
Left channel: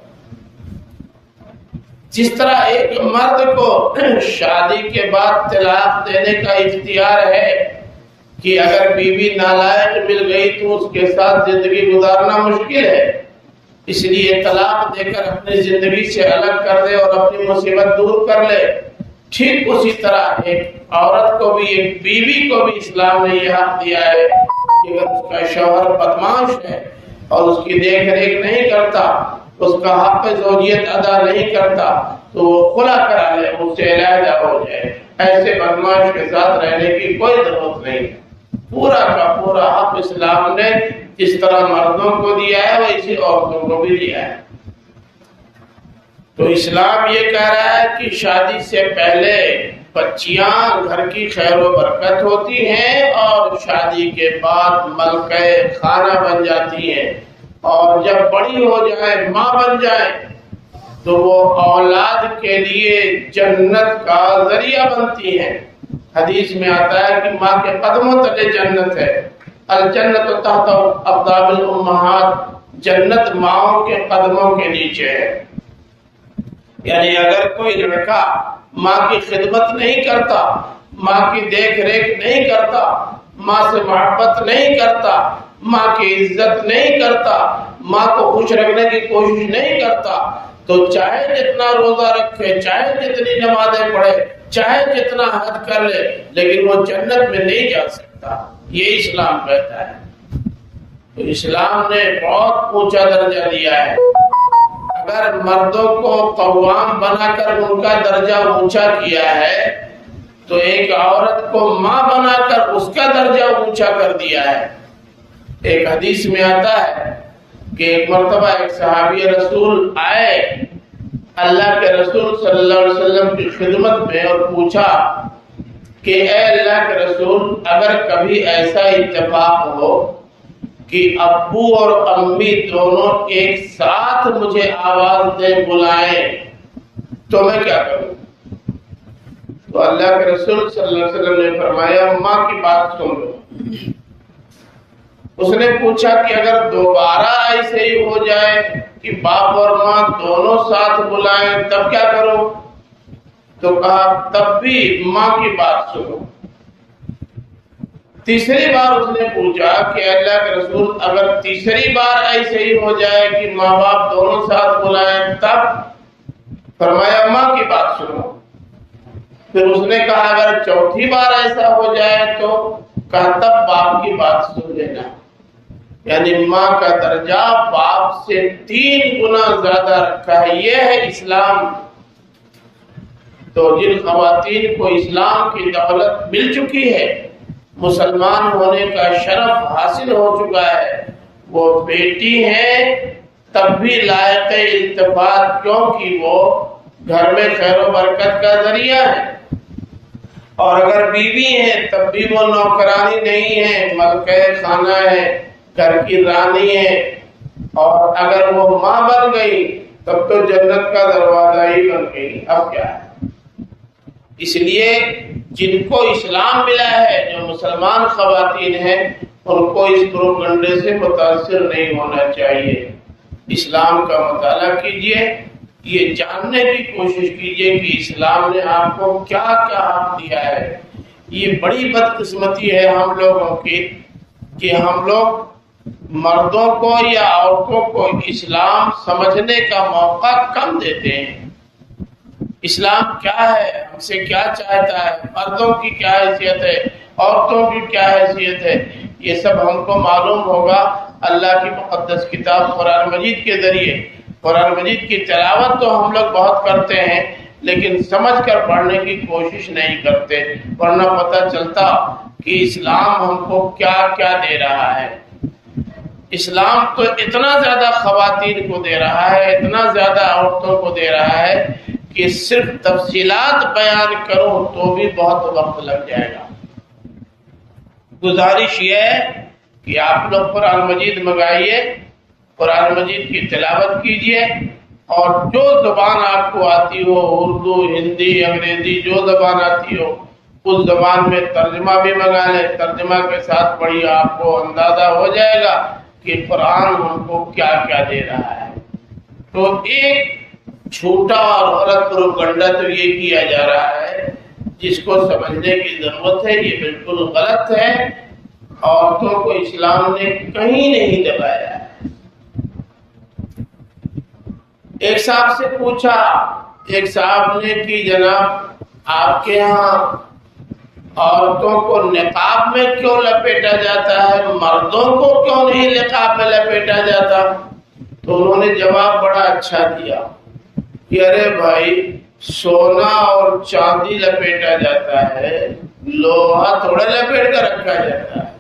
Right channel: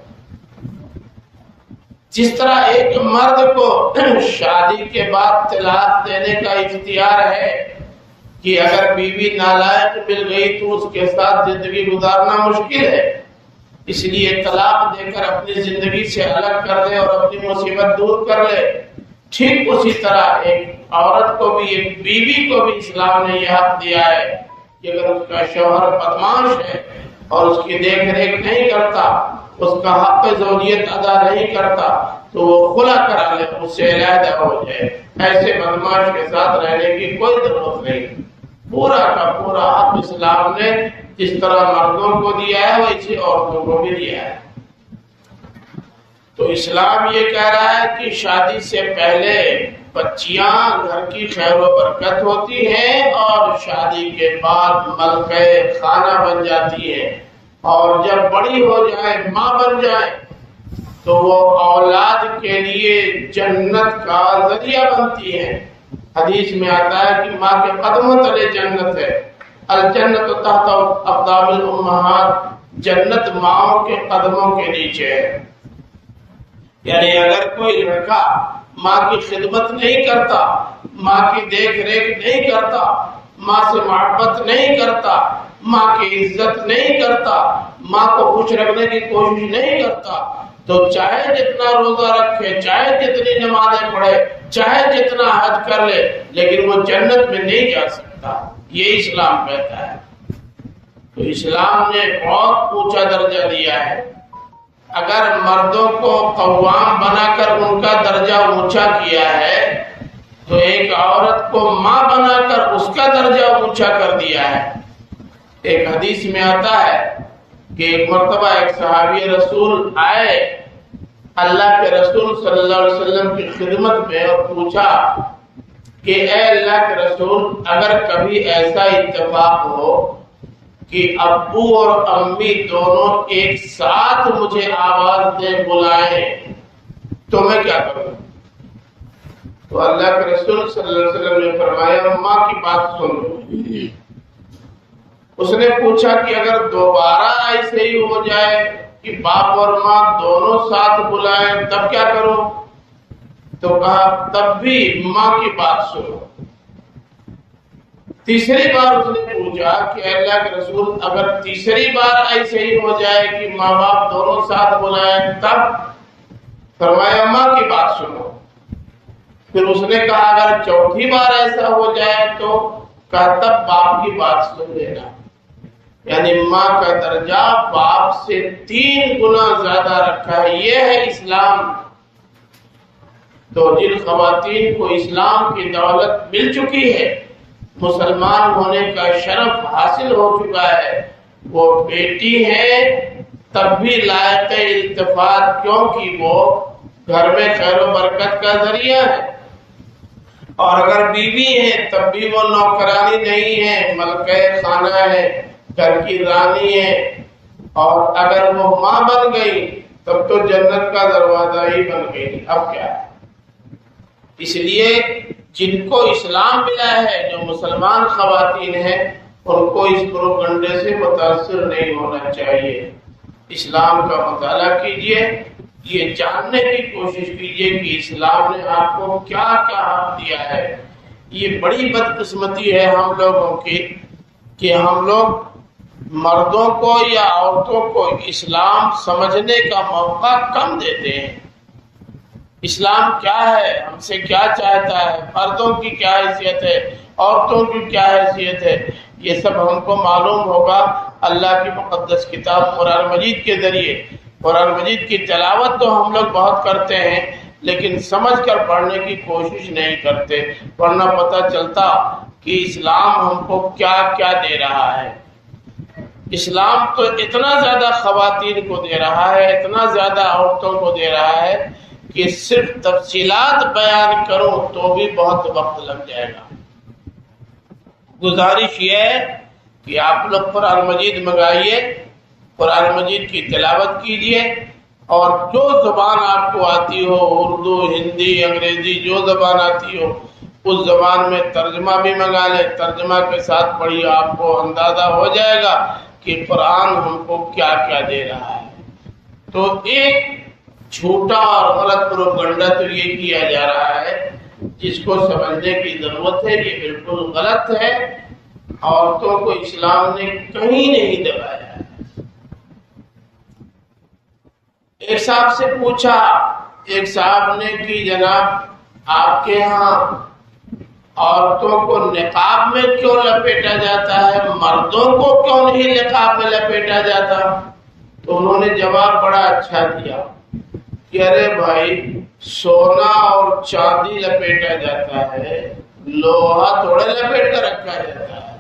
جس طرح ایک مرد کو شادی کے بعد طلاق دینے کا اختیار ہے کہ اگر بیوی نالائق مل گئی تو اس کے ساتھ زندگی گزارنا مشکل ہے، اس لیے طلاق دے کر اپنی زندگی سے الگ کر لے اور اپنی مصیبت دور کر لے، ٹھیک اسی طرح ایک عورت کو بھی، ایک بیوی کو بھی اسلام نے یہ حق دیا ہے کہ اگر اس کا شوہر بدمعاش ہے اور اس کی دیکھ ریکھ نہیں کرتا، اس کا حق زوجیت ادا نہیں کرتا تو وہ خلا کرا لے، اس سے علیحدہ ہو جائے۔ ایسے بدمعاش کے ساتھ رہنے کی کوئی ضرورت نہیں۔ پورا کا پورا حق اسلام نے جس طرح مردوں کو دیا ہے ویسے عورتوں کو بھی دیا ہے۔ تو اسلام یہ کہہ رہا ہے کہ شادی سے پہلے بچیاں گھر کی خیر و برکت ہوتی ہیں اور شادی کے بعد ملکہ خانہ بن جاتی ہیں، اور جب بڑی ہو جائیں، ماں بن جائیں تو وہ اولاد کے لیے جنت کا ذریعہ بنتی ہیں۔ حدیث میں آتا ہے کہ ماں کے قدموں تلے جنت ہے، الجنت تحت اقدام الامہات، جنت ماؤں کے قدموں کے نیچے ہے۔ یعنی اگر کوئی لڑکا ماں کی خدمت نہیں کرتا، ماں کی دیکھ ریکھ نہیں کرتا، ماں سے محبت نہیں کرتا، ماں کی عزت نہیں کرتا، ماں کو خوش رکھنے کی کوشش نہیں کرتا تو چاہے جتنا روزہ رکھے، چاہے جتنی نمازیں پڑھے، چاہے جتنا حج کر لے، لیکن وہ جنت میں نہیں جا سکتا۔ یہ اسلام کہتا ہے۔ تو اسلام نے بہت اونچا درجہ دیا ہے۔ اگر مردوں کو قوام بنا کر ان کا درجہ اونچا کیا ہے تو ایک عورت کو ماں بنا کر اس کا درجہ اونچا کر دیا ہے۔ ایک حدیث میں آتا ہے کہ ایک مرتبہ ایک صحابی رسول آئے اللہ کے رسول صلی اللہ علیہ وسلم کی خدمت میں اور پوچھا کہ اے اللہ کے رسول، اگر کبھی ایسا اتفاق ہو کہ ابو اور امی دونوں ایک ساتھ مجھے آواز دے بلائیں تو میں کیا کروں؟ تو اللہ کے رسول صلی اللہ علیہ وسلم نے فرمایا ماں کی بات سن لو۔ اس نے پوچھا کہ اگر دوبارہ ایسے ہی ہو جائے کہ باپ اور ماں دونوں ساتھ بلائیں تب کیا کرو؟ تو کہا تب بھی ماں کی بات سنو۔ تیسری بار اس نے پوچھا کہ اللہ کے رسول اگر تیسری بار ایسے ہی ہو جائے کہ ماں باپ دونوں ساتھ بلائیں تب؟ فرمایا ماں کی بات سنو۔ پھر اس نے کہا اگر چوتھی بار ایسا ہو جائے تو کہا تب باپ کی بات سن لینا۔ یعنی ماں کا درجہ باپ سے 3 گنا زیادہ رکھا ہے۔ یہ ہے اسلام۔ تو جن خواتین کو اسلام کی دولت مل چکی ہے، مسلمان ہونے کا شرف حاصل ہو چکا ہے، وہ بیٹی ہیں تب بھی لائق التفات، کیونکہ وہ گھر میں خیر و برکت کا ذریعہ ہے۔ اور اگر بیوی ہیں تب بھی وہ نوکرانی نہیں ہے، ملکہ خانہ ہے، گھر کی رانی ہے۔ اور اگر وہ ماں بن گئی تب تو جنت کا دروازہ ہی بن گئی۔ اب کیا ہے؟ اس لیے جن کو اسلام ملا ہے، جو مسلمان خواتین ہیں، ان کو اس پروپگنڈے سے متاثر نہیں ہونا چاہیے۔ اسلام کا مطالعہ کیجئے، یہ جاننے کی کوشش کیجئے کہ اسلام نے آپ کو کیا کیا حق دیا ہے۔ یہ بڑی بدقسمتی ہے ہم لوگوں کی کہ ہم لوگ مردوں کو یا عورتوں کو اسلام سمجھنے کا موقع کم دیتے ہیں۔ اسلام کیا ہے، ہم سے کیا چاہتا ہے، مردوں کی کیا حیثیت ہے، عورتوں کی کیا حیثیت ہے، یہ سب ہم کو معلوم ہوگا اللہ کی مقدس کتاب قرآن مجید کے ذریعے۔ قرآن مجید کی تلاوت تو ہم لوگ بہت کرتے ہیں، لیکن سمجھ کر پڑھنے کی کوشش نہیں کرتے، ورنہ پتہ چلتا کہ اسلام ہم کو کیا کیا دے رہا ہے۔ اسلام تو اتنا زیادہ خواتین کو دے رہا ہے، اتنا زیادہ عورتوں کو دے رہا ہے کہ صرف تفصیلات بیان کروں تو بھی بہت وقت لگ جائے گا۔ گزارش یہ ہے کہ آپ لوگ قرآن مجید منگائیے، قرآن مجید کی تلاوت کیجیے، اور جو زبان آپ کو آتی ہو، اردو، ہندی، انگریزی، جو زبان آتی ہو اس زبان میں ترجمہ بھی منگا لیں، ترجمہ کے ساتھ پڑھیے، آپ کو اندازہ ہو جائے گا کہ قرآن ہم کو کیا کیا دے رہا ہے۔ تو ایک جھوٹا اور غلط پروپگنڈا تو یہ کیا جا رہا ہے، جس کو سمجھنے کی ضرورت ہے، یہ بالکل غلط ہے۔ عورتوں کو اسلام نے کہیں نہیں دبایا ہے۔ ایک صاحب سے پوچھا، ایک صاحب نے کہ جناب آپ کے ہاں عورتوں کو نقاب میں کیوں لپیٹا جاتا ہے، مردوں کو کیوں نہیں نقاب میں لپیٹا جاتا؟ تو انہوں نے جواب بڑا اچھا دیا کہ ارے بھائی، سونا اور چاندی لپیٹا جاتا ہے، لوہا تھوڑا لپیٹ کر رکھا جاتا ہے،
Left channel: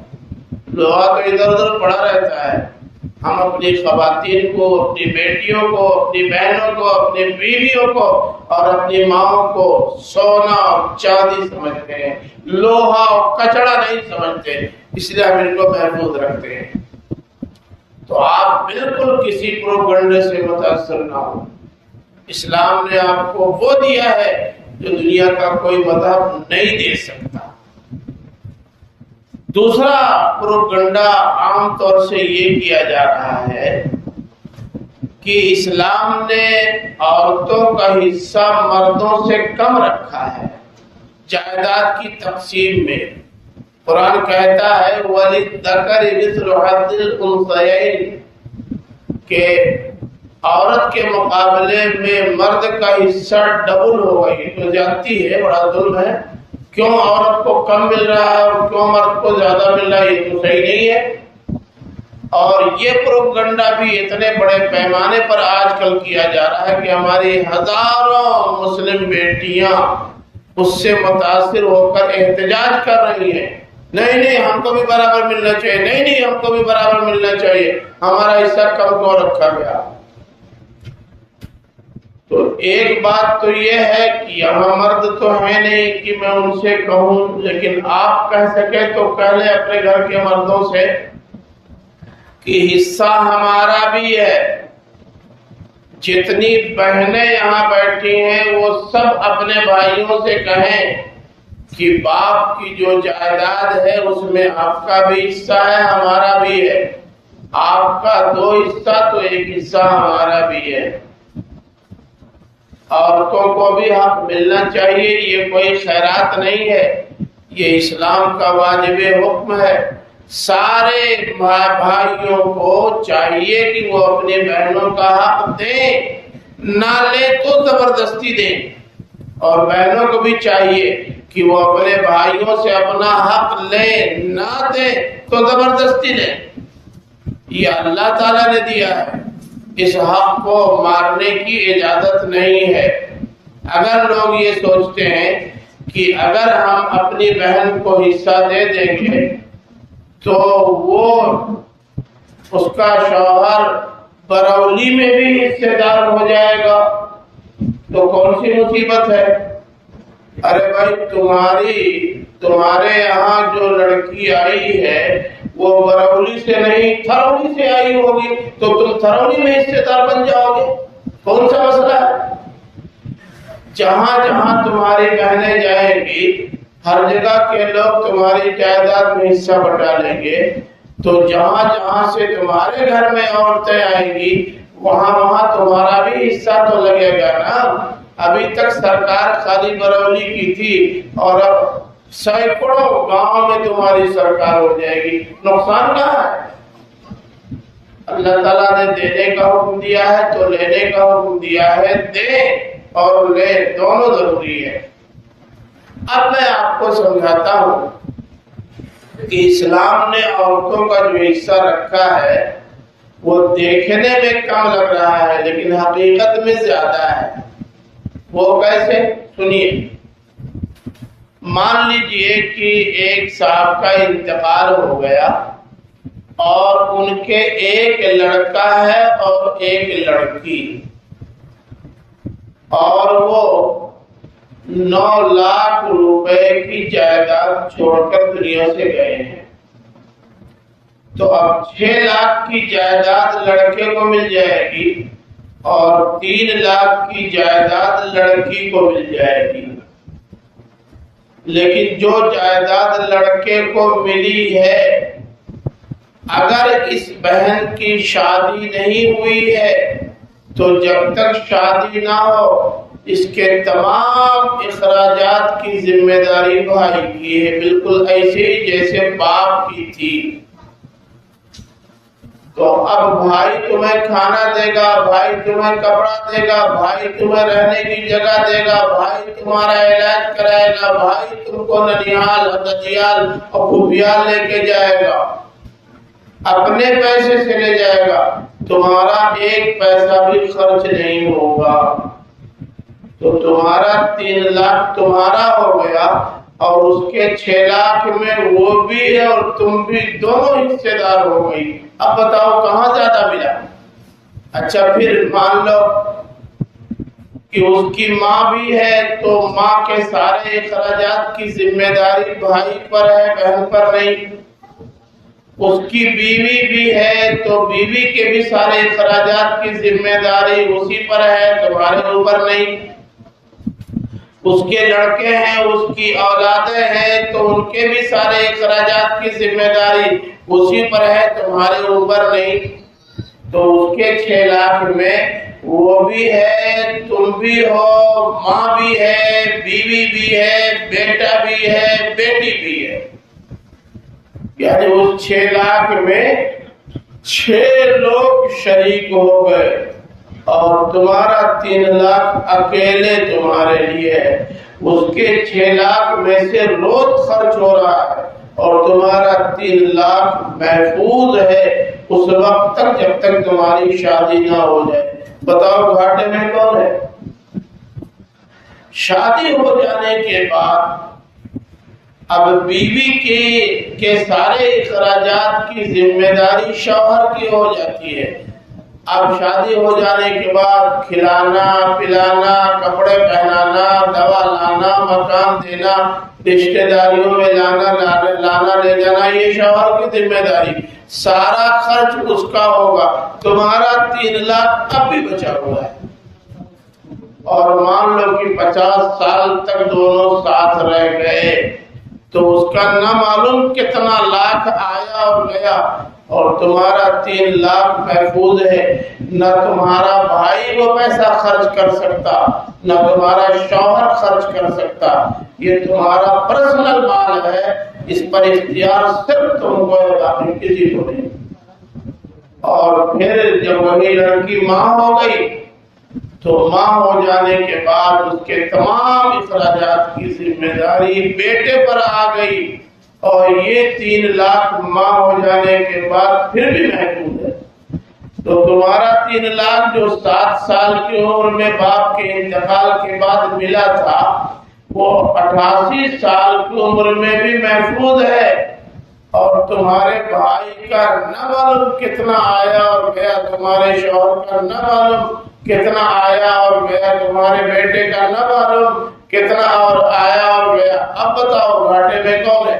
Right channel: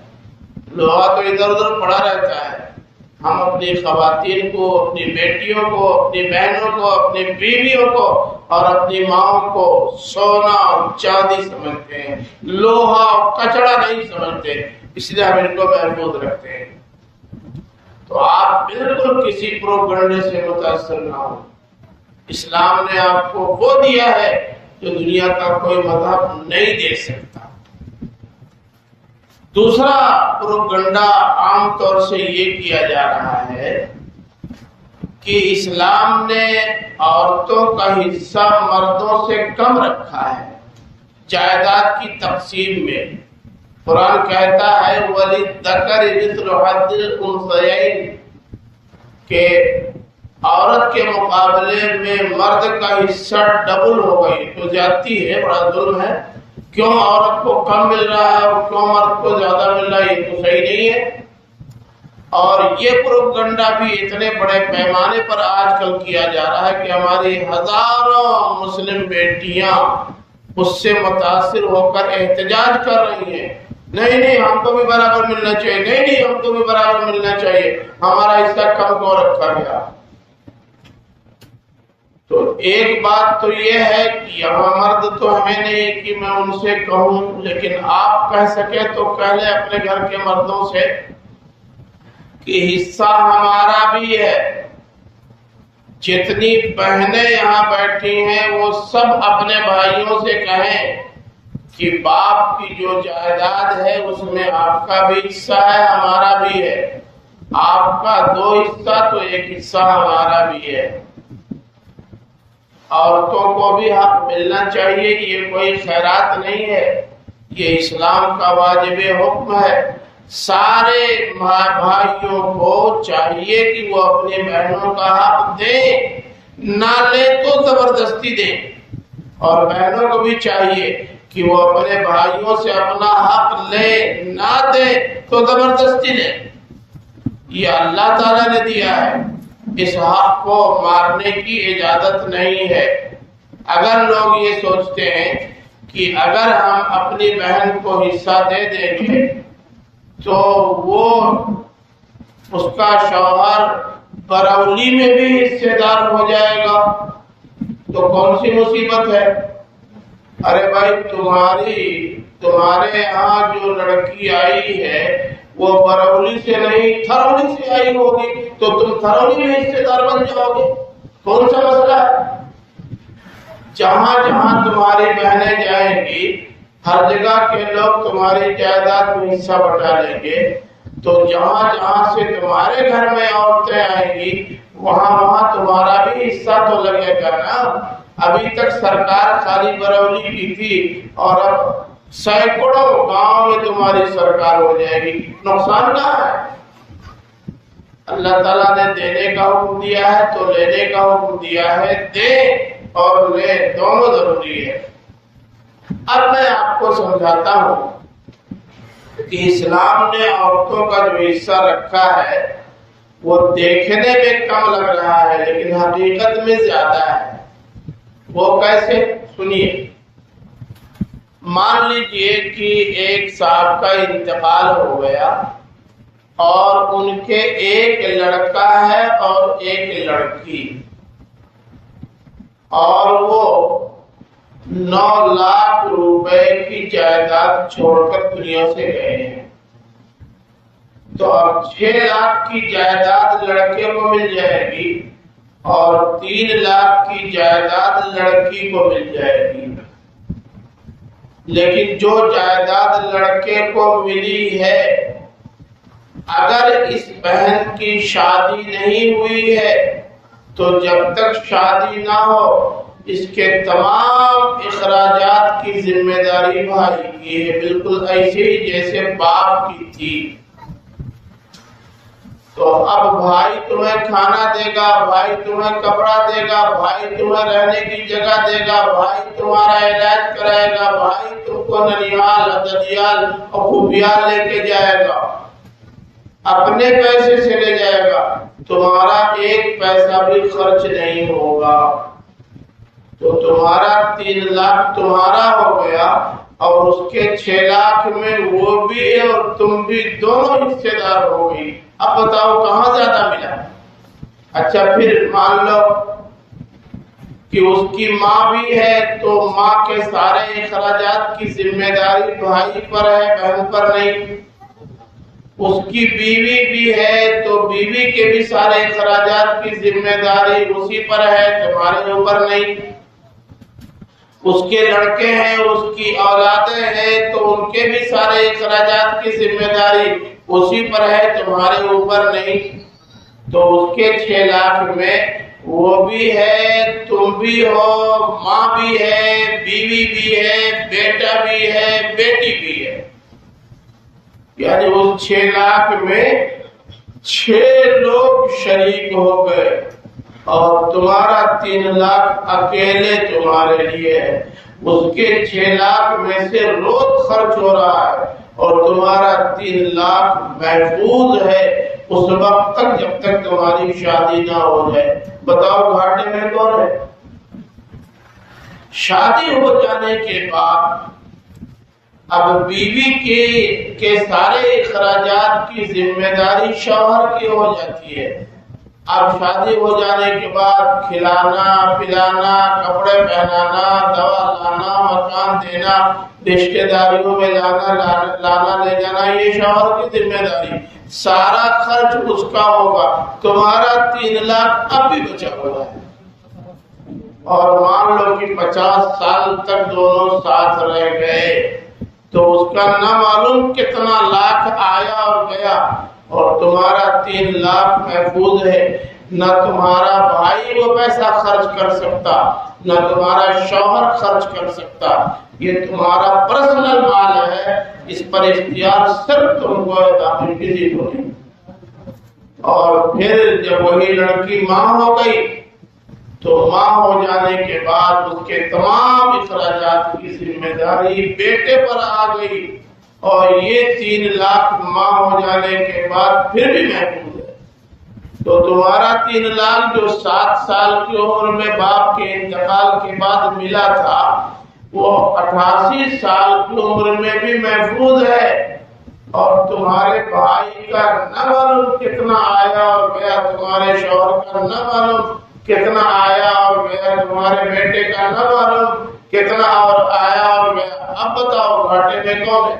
لوہا تو ادھر ادھر پڑا رہتا ہے۔ ہم اپنی خواتین کو، اپنی بیٹیوں کو، اپنی بہنوں کو، اپنی بیویوں کو اور اپنی ماؤں کو سونا اور چاندی سمجھتے ہیں، لوہا اور کچڑا نہیں سمجھتے، اس لیے ہم ان کو محفوظ رکھتے ہیں۔ تو آپ بالکل کسی پروپگنڈے سے متاثر نہ ہو۔ اسلام نے آپ کو وہ دیا ہے جو دنیا کا کوئی مذہب نہیں دے سکتا۔ دوسرا پروپگنڈا عام طور سے یہ کیا جا رہا ہے کہ اسلام نے عورتوں کا حصہ مردوں سے کم رکھا ہے جائیداد کی تقسیم میں۔ قرآن کہتا ہے وَلِلذَّكَرِ مِثْلُ حَظِّ الْأُنثَيَيْنِ، کہ عورت کے مقابلے میں مرد کا حصہ ڈبل ہو گئی، تو زیادتی ہے، بڑا ظلم ہے۔ کیوں عورت کو کم مل رہا ہے اور کیوں مرد کو زیادہ مل رہا ہے، یہ تو صحیح نہیں ہے۔ اور یہ پروپگنڈا بھی اتنے بڑے پیمانے پر آج کل کیا جا رہا ہے کہ ہماری ہزاروں مسلم بیٹیاں اس سے متاثر ہو کر احتجاج کر رہی ہیں، نہیں نہیں ہم کو بھی برابر ملنا چاہیے، نہیں نہیں ہم کو بھی برابر ملنا چاہیے، ہمارا حصہ کم کیوں رکھا گیا۔ تو ایک بات تو یہ ہے کہ یہاں مرد تو ہے نہیں کہ میں ان سے کہوں، لیکن آپ کہہ سکے تو کہہ لیں اپنے گھر کے مردوں سے کہ حصہ ہمارا بھی ہے، جتنی بہنیں یہاں بیٹھی ہیں وہ سب اپنے بھائیوں سے کہیں کہ باپ کی جو جائیداد ہے اس میں آپ کا بھی حصہ ہے، ہمارا بھی ہے، آپ کا 2 حصہ تو 1 حصہ ہمارا بھی ہے۔ عورتوں کو بھی حق ملنا چاہیے، یہ کوئی خیرات نہیں ہے، یہ اسلام کا واجب حکم ہے۔ سارے بھائیوں کو چاہیے کہ وہ اپنی بہنوں کا حق دیں، نہ لیں تو زبردستی دیں، اور بہنوں کو بھی چاہیے کہ وہ اپنے بھائیوں سے اپنا حق لیں، نہ دیں تو زبردستی لیں۔ یہ اللہ تعالیٰ نے دیا ہے، اس حق کو مارنے کی اجازت نہیں ہے۔ اگر لوگ یہ سوچتے ہیں کہ اگر ہم اپنی بہن کو حصہ دے دیں گے تو وہ اس کا شوہر برولی میں بھی حصے دار ہو جائے گا، تو کون سی مصیبت ہے؟ ارے بھائی، تمہارے یہاں جو لڑکی آئی ہے وہ برولی سے نہیں تھرولی سے آئی ہوگی، تو تم تھرولی میں حصے دار بن جاؤ گے، کون سا مسئلہ ہے؟ جہاں جہاں تمہاری بہنیں جائیں گی ہر جگہ کے لوگ تمہاری جائیداد میں حصہ بٹا لیں گے، تو جہاں جہاں سے تمہارے گھر میں عورتیں آئیں گی وہاں تمہارا بھی حصہ تو لگے گا نا۔ ابھی تک سرکار خالی برولی کی تھی اور اب سینکڑوں گاؤں میں تمہاری سرکار ہو جائے گی، نقصان کہاں ہے؟ اللہ تعالیٰ نے دینے کا حکم دیا ہے تو لینے کا حکم دیا ہے، دے اور لے دونوں ضروری ہے۔ اب میں آپ کو سمجھاتا ہوں کہ اسلام نے عورتوں کا جو حصہ رکھا ہے وہ دیکھنے میں کم لگ رہا ہے لیکن حقیقت میں زیادہ ہے۔ وہ کیسے؟ سنیے۔ مان لیجئے کہ ایک صاحب کا انتقال ہو گیا اور ان کے ایک لڑکا ہے اور ایک لڑکی، اور وہ 9 لاکھ روپے کی جائیداد چھوڑ کر دنیا سے گئے ہیں، تو اب 6 لاکھ کی جائیداد لڑکے کو مل جائے گی اور 3 لاکھ کی جائیداد لڑکی کو مل جائے گی۔ لیکن جو جائیداد لڑکے کو ملی ہے، اگر اس بہن کی شادی نہیں ہوئی ہے تو جب تک شادی نہ ہو اس کے تمام اخراجات کی ذمہ داری بھائی کی ہے، بالکل ایسے ہی جیسے باپ کی تھی۔ تو اب بھائی تمہیں کھانا دے گا، بھائی تمہیں کپڑا دے گا، بھائی تمہیں رہنے کی جگہ دے گا، بھائی تمہارا علاج کرائے گا، بھائی تم کو ننیال، ددیال اور خوبیال لے کے جائے گا، اپنے پیسے سے لے جائے گا، تمہارا 1 پیسہ بھی خرچ نہیں ہوگا، تو تمہارا 3 لاکھ تمہارا ہو گیا اور اس کے 6 لاکھ میں وہ بھی اور تم بھی دونوں حصے دار ہو گئی۔ اب بتاؤ کہاں زیادہ ملا؟ اچھا پھر مان لو کہ اس کی ماں بھی ہے تو ماں کے سارے اخراجات کی ذمہ داری بھائی پر ہے، بہن پر نہیں۔ اس کی بیوی بھی ہے تو بیوی کے بھی سارے اخراجات کی ذمہ داری اسی پر ہے، تمہارے اوپر نہیں۔ اس کے لڑکے ہیں، اس کی اولادیں ہیں تو ان کے بھی سارے اخراجات کی ذمہ داری اسی پر ہے، تمہارے اوپر نہیں۔ تو اس کے 6 لاکھ میں وہ بھی ہے، تم بھی ہو، ماں بھی ہے، بیوی بھی ہے، بیٹا بھی ہے، بیٹی بھی ہے، یعنی اس 6 لاکھ میں 6 لوگ شریک ہو گئے اور تمہارا 3 لاکھ اکیلے تمہارے لیے ہے۔ اس کے 6 لاکھ میں سے روز خرچ ہو رہا ہے اور تمہارا 3 لاکھ محفوظ ہے اس وقت تک جب تک تمہاری شادی نہ ہو جائے۔ بتاؤ گھاٹے میں کون ہے؟ شادی ہو جانے کے بعد اب بیوی کے سارے اخراجات کی ذمہ داری شوہر کی ہو جاتی ہے۔ اب شادی ہو جانے کے بعد کھلانا پلانا، کپڑے پہنانا، دوا لانا، مکان دینا، رشتہ داریوں میں لانا لے جانا، یہ شوہر کی ذمہ داری۔ سارا خرچ اس کا ہوگا، تمہارا 3 لاکھ اب بھی بچا ہوا ہے، اور مان لو کہ 50 سال تک دونوں ساتھ رہ گئے تو اس کا نہ معلوم کتنا لاکھ آیا اور گیا، اور تمہارا 3 لاکھ محفوظ ہے۔ نہ تمہارا بھائی وہ پیسہ خرچ کر سکتا، نہ تمہارا شوہر خرچ کر سکتا، یہ تمہارا پرسنل مال ہے، اس پر اختیار صرف تم کو ہے، باقی کسی کو نہیں۔ اور پھر جب وہی لڑکی ماں ہو گئی تو ماں ہو جانے کے بعد اس کے تمام اخراجات کی ذمہ داری بیٹے پر آ گئی، اور یہ 3 لاکھ ماں ہو جانے کے بعد پھر بھی محفوظ ہے۔ تو تمہارا 3 لاکھ جو 7 سال کی عمر میں باپ کے انتقال کے بعد ملا تھا، وہ 88 سال کی عمر میں بھی محفوظ ہے، اور تمہارے بھائی کا نہ معلوم کتنا آیا اور گیا، تمہارے شوہر کا نہ معلوم کتنا آیا اور گیا، تمہارے بیٹے کا نہ معلوم کتنا اور آیا اور گیا۔ اب بتاؤ گھاٹے میں کون ہے؟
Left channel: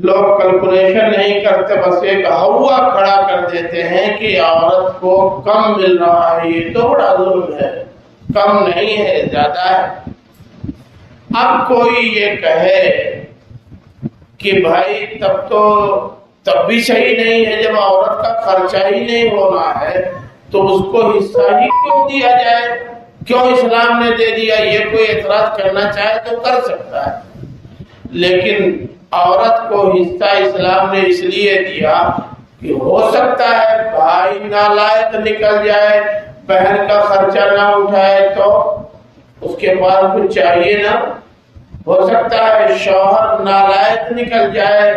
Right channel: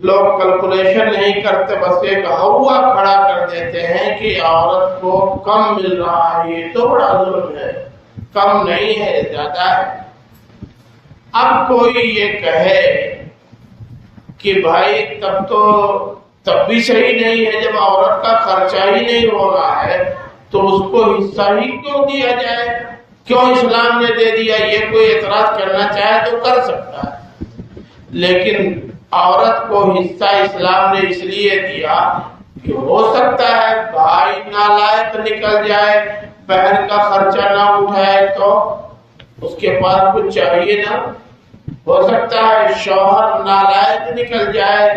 لوگ کیلکولیشن نہیں کرتے، بس ایک ہوا کھڑا کر دیتے ہیں کہ عورت کو کم مل رہا ہے، یہ تو بڑا ظلم ہے، کم نہیں ہے زیادہ ہے۔ اب کوئی یہ کہے کہ بھائی تب بھی صحیح نہیں ہے، جب عورت کا خرچہ ہی نہیں ہو رہا ہے تو اس کو حصہ ہی کیوں دیا جائے، کیوں اسلام نے دے دیا؟ یہ کوئی اعتراض کرنا چاہے تو کر سکتا ہے، لیکن عورت کو حصہ اسلام نے اس لیے دیا کہ ہو سکتا ہے بھائی نالائق نکل جائے، بہن کا خرچہ نہ اٹھائے تو اس کے پاس کچھ چاہیے نا، ہو سکتا ہے شوہر نالائق نکل جائے،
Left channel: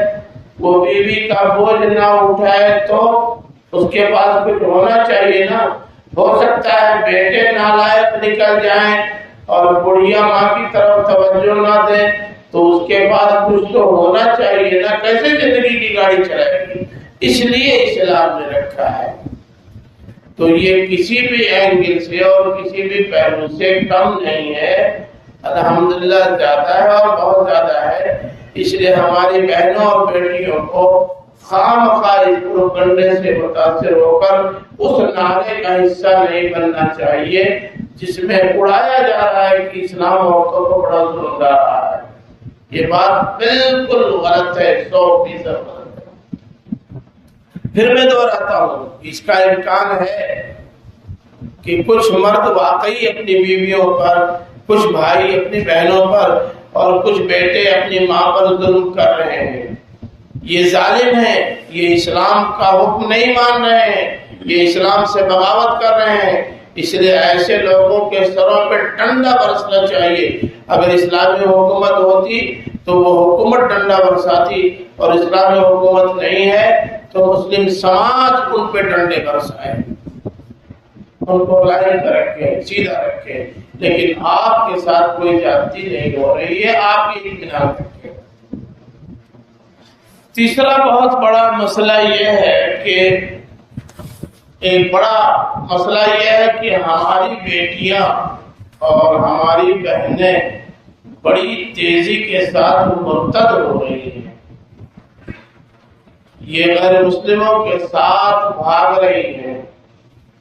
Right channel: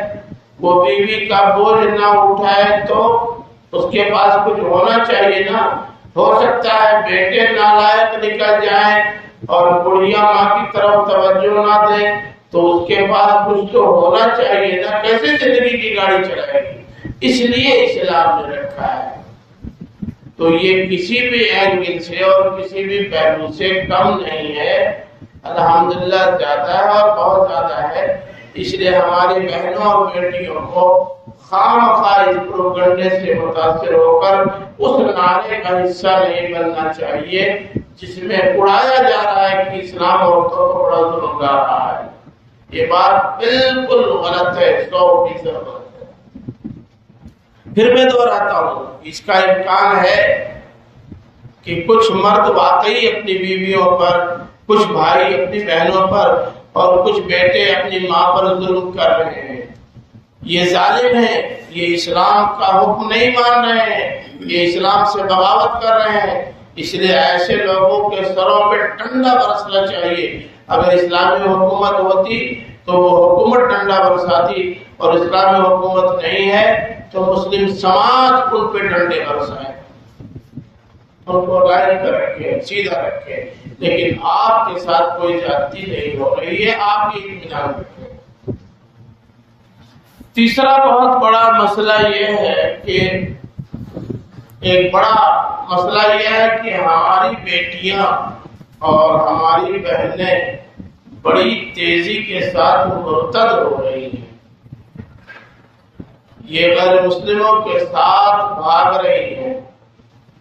وہ بیوی کا بوجھ نہ اٹھائے تو اس کے پاس کچھ ہونا چاہیے نا، ہو سکتا ہے بیٹے نالائق نکل جائیں اور بڑھیا ماں کی طرف توجہ نہ دیں تو اس کے پاس کچھ تو ہونا چاہیے نا، کیسے زندگی کی گاڑی چلائے گی؟ اس لیے اسلام نے رکھا ہے۔ تو یہ کسی بھی اینگل سے اور کسی بھی پہلو سے کم نہیں ہے، الحمدللہ زیادہ ہے اور بہت زیادہ ہے۔ اس لیے ہماری بہنوں اور بیٹیوں کو خواہ اس پروپیگنڈے سے متاثر ہو کر اس نعرے کا حصہ نہیں بننا چاہیے جس میں اڑایا جا رہا ہے کہ اسلام عورتوں کو بڑا ظلم ڈال رہا ہے۔ یہ بات بالکل غلط ہے، 100% غلط ہے۔ پھر میں دوہراتا ہوں، اس کا امکان ہے کہ کچھ مرد واقعی اپنی بیویوں پر، کچھ بھائی اپنی بہنوں پر اور کچھ بیٹے اپنی ماں پر ظلم کر رہے ہیں، یہ ظالم ہیں، یہ اسلام کا حکم نہیں مان رہے ہیں، یہ اسلام سے بغاوت کر رہے ہیں۔ اس لیے ایسے لوگوں کے سروں پہ ڈنڈا برسنا چاہیے۔ اگر اسلامی حکومت ہوتی تو وہ حکومت ڈنڈا برساتی، اور اسلامی حکومت نہیں ہے تو مسلم سماج ان پہ ڈنڈے برسائے، ان کو لائن پہ رکھے، سیدھا رکھے، لیکن آپ کے ساتھ کوئی زیادتی نہیں ہو رہی ہے، آپ یہ اطمینان رکھیں۔ تیسرا بہت بڑا مسئلہ یہ ہے کہ ایک بڑا مسئلہ یہ ہے کہ ہماری بیٹیاں اور ہماری بہنیں بڑی تیزی کے ساتھ مرتد ہو رہی ہیں، یہ غیر مسلموں کے ساتھ بھاگ رہی ہیں۔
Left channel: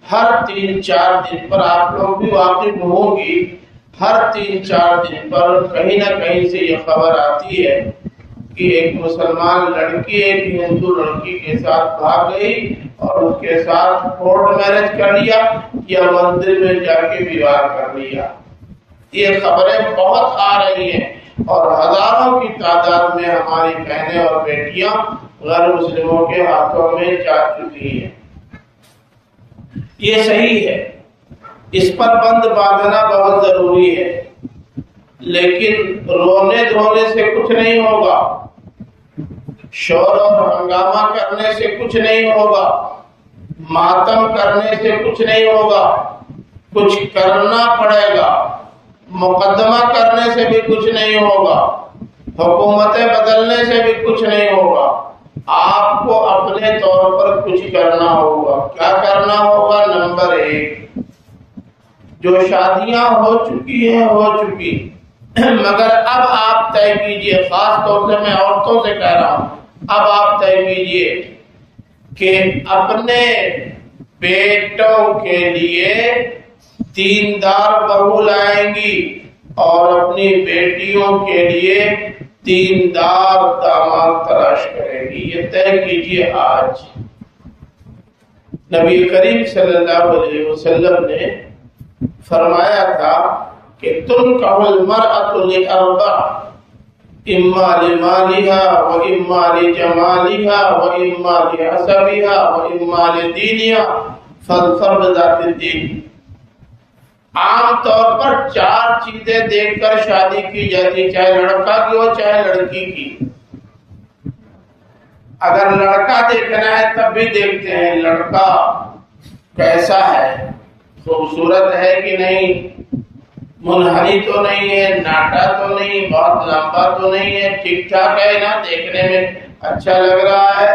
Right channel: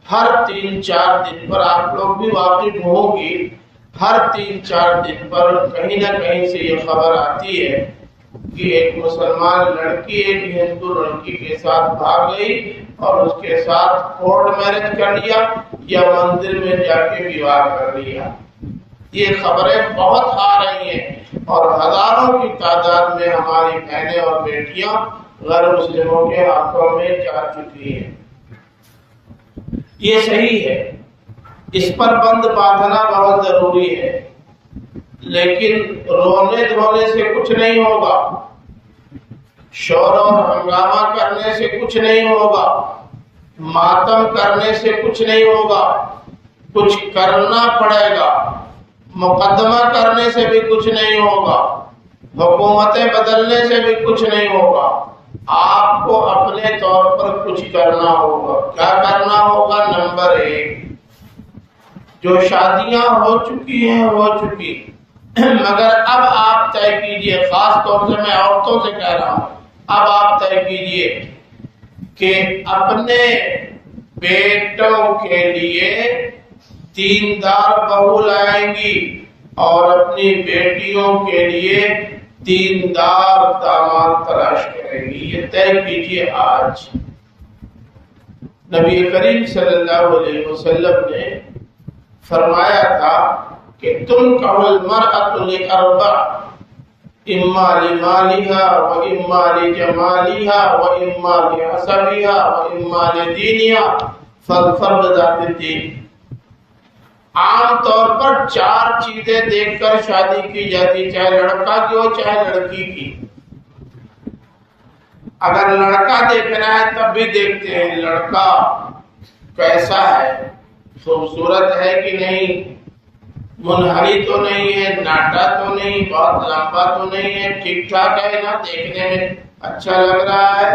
ہر 3-4 دن پر آپ لوگ بھی واقف ہوں گی، ہر 3-4 دن پر کہیں نہ کہیں سے یہ خبر آتی ہے کہ ایک مسلمان لڑکی ایک ہندو لڑکی کے ساتھ بھاگ گئی اور اس کے ساتھ کورٹ میرج کر لیا یا مندر میں جا کے وواہ کر لیا۔ یہ خبریں بہت آ رہی ہیں اور ہزاروں کی تعداد میں ہماری بہنیں اور بیٹیاں غیر مسلموں کے ہاتھوں میں جا چکی ہیں۔ یہ صحیح ہے، اس پر بند باندھنا بہت ضروری ہے، لیکن رونے دھونے سے کچھ نہیں ہوگا، شور اور ہنگامہ کرنے سے کچھ نہیں ہوگا، ماتم کرنے سے کچھ نہیں ہوگا، کچھ کرنا پڑے گا، مقدمہ کرنے سے بھی کچھ نہیں ہوگا، حکومتیں بدلنے سے بھی کچھ نہیں ہوگا، آپ کو اپنے طور پر کچھ کرنا ہوگا۔ کیا کرنا ہوگا؟ نمبر 1، جو شادیاں ہو چکی ہیں ہو چکی، مگر اب آپ طے کیجئے، خاص طور سے میں عورتوں سے کہہ رہا ہوں، اب آپ طے کیجئے کہ اپنے بیٹوں کے لیے دیندار بہو لائیں گی اور اپنی بیٹیوں کے لیے دیندار داماد تلاش کریں گی. یہ طے کیجئے آج. نبی کریم صلی اللہ علیہ وسلم نے فرمایا تھا کہ تنکح المرأة لأربع اما لمالها واما لجمالها واما لحسبها واما لدینها فاظفر بذات الدین. عام طور پر 4 چیزیں دیکھ کر شادی کی جاتی، چاہے لڑکا کی ہو چاہے لڑکی کی. اگر لڑکا دیکھنا ہے تب بھی دیکھتے ہیں لڑکا کیسا ہے، خوبصورت ہے کہ نہیں، منحنی تو نہیں ہے، ناٹا تو نہیں، بہت لمبا تو نہیں ہے، ٹھیک ٹھاک ہے نا، دیکھنے میں اچھا لگ رہا ہے.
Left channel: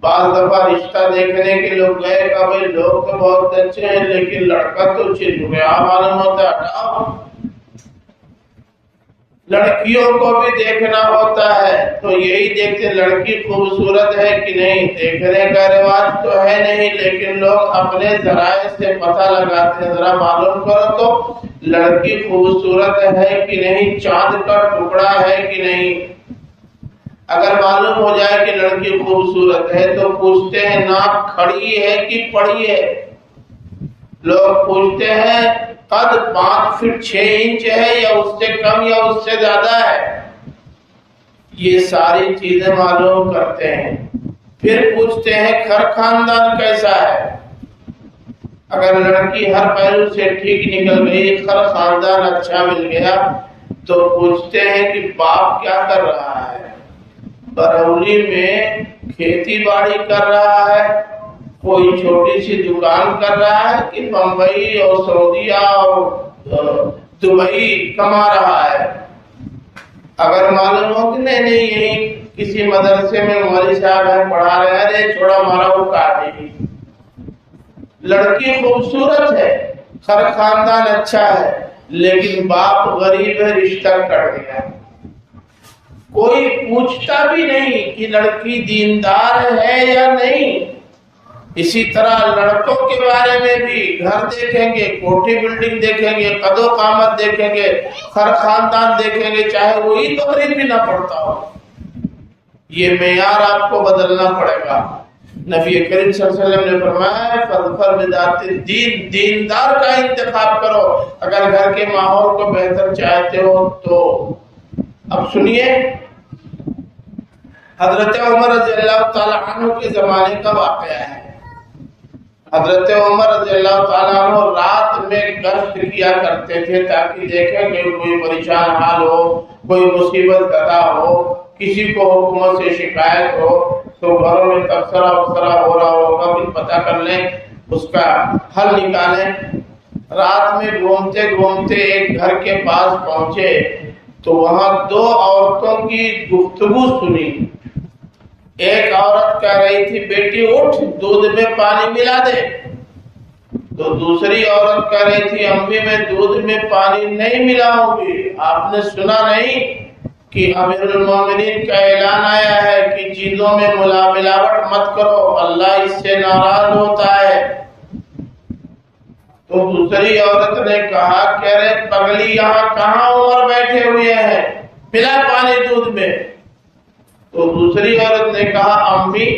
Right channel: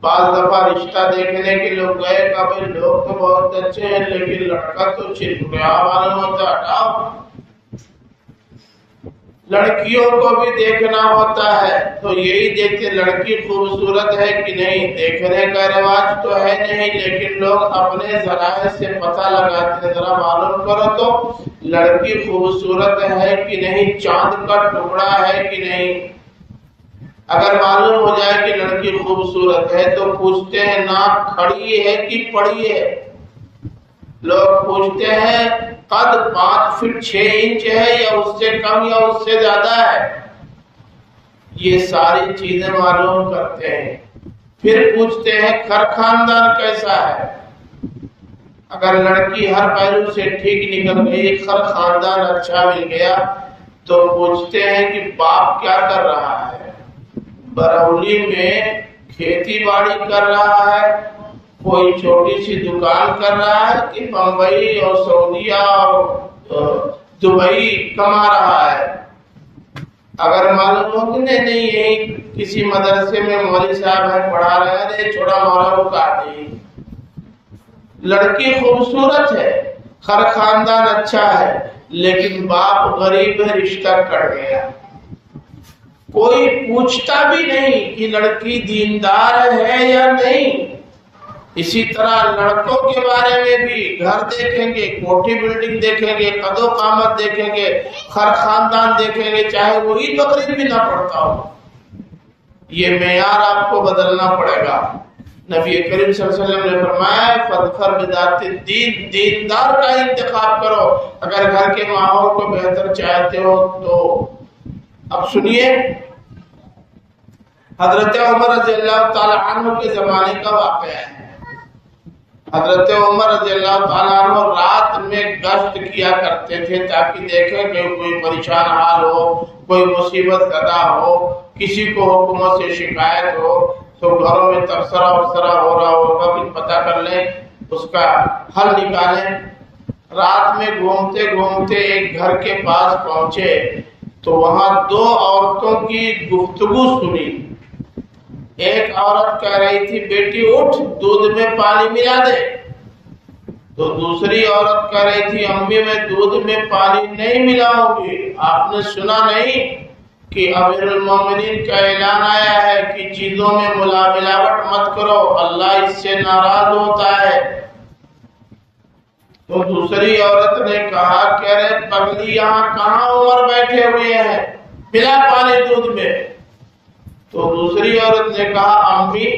بعض دفعہ رشتہ دیکھنے کے لوگ گئے کہ بھائی لوگ تو بہت اچھے ہیں لیکن لڑکا تو چڑیا معلوم ہوتا ہے. لڑکیوں کو بھی دیکھنا ہوتا ہے تو یہی دیکھتے لڑکی خوبصورت ہے کہ نہیں. دیکھنے کا رواج تو ہے نہیں لیکن لوگ اپنے ذرائع سے پتہ لگاتے ہیں، ذرا معلوم کرو تو لڑکی خوبصورت ہے کہ نہیں، چاند کا ٹکڑا ہے کہ نہیں. اگر معلوم ہو جائے کہ لڑکی خوبصورت ہے تو پوچھتے ہیں ناک کھڑی ہے کہ پڑی ہے. لوگ پوچھتے ہیں قد 5 فٹ 6 انچ ہے یا اس سے کم یا اس سے زیادہ ہے. یہ ساری چیزیں معلوم کرتے ہیں. پھر پوچھتے ہیں گھر خاندان کیسا ہے. اگر لڑکی ہر پہلو سے ٹھیک نکل گئی، گھر خاندان اچھا مل گیا تو پوچھتے ہیں کہ باپ کیا کر رہا ہے. برauلی میں کھیتی باڑی کر رہا ہے، کوئی چھوٹی سی دکان کر رہا ہے کہ بمبئی اور سعودیہ اور دبئی کما رہا ہے. اگر معلوم ہو کہ نہیں یہی کسی مدرسے میں مولوی صاحب ہیں پڑھا رہے ہیں، چھوڑا مارا وہ کاٹی. لڑکی خوبصورت ہے، ہر خاندان اچھا ہے لیکن باپ غریب ہے، رشتہ کٹ گیا. کوئی پوچھتا بھی نہیں کہ لڑکی دیندار ہے یا نہیں. اسی طرح لڑکوں کے بارے میں بھی گھر دیکھیں گے، کوٹھی بلڈنگ دیکھیں گے، قد و قامت دیکھیں گے، ہر خاندان دیکھیں گے، چاہے وہ عید بقرعید بھی نہ پڑتا ہو. یہ معیار آپ کو بدلنا پڑے گا. نبی کریم صلی اللہ علیہ وسلم نے فرمایا فاظفر بذات الدین، دیندار کا انتخاب کرو اگر گھر کے ماحول کو بہتر چاہتے ہو تو. اب سنیے حضرت عمر رضی اللہ تعالی عنہ کے زمانے کا واقعہ ہے. حضرت عمر رضی اللہ تعالیٰ عنہ رات میں گشت کیا کرتے تھے تاکہ دیکھیں کہ کوئی پریشان حال ہو، کوئی مصیبت زدہ ہو، کسی کو حکومت سے شکایت ہو تو گھروں میں تبصرہ وبصرہ ہو رہا ہوگا کہ پتہ کر لیں، اس کا حل نکالیں. رات میں گھومتے گھومتے ایک گھر کے پاس پہنچے تو وہاں 2 عورتوں کی گفتگو سنی. ایک عورت کہہ رہی تھی بیٹی اٹھ دودھ میں پانی ملا دے، تو دوسری عورت کہہ رہی تھی امی میں دودھ میں پانی نہیں ملاؤں گی. آپ نے سنا نہیں کہ امیر المومنین کا اعلان آیا ہے کہ چیزوں میں ملاوٹ مت کرو، اللہ اس سے ناراض ہوتا ہے. تو دوسری عورت نے کہا کہ ارے پگلی یہاں کہاں عمر بیٹھے ہوئے ہیں، ملا پانی دودھ میں. تو دوسری عورت نے کہا امی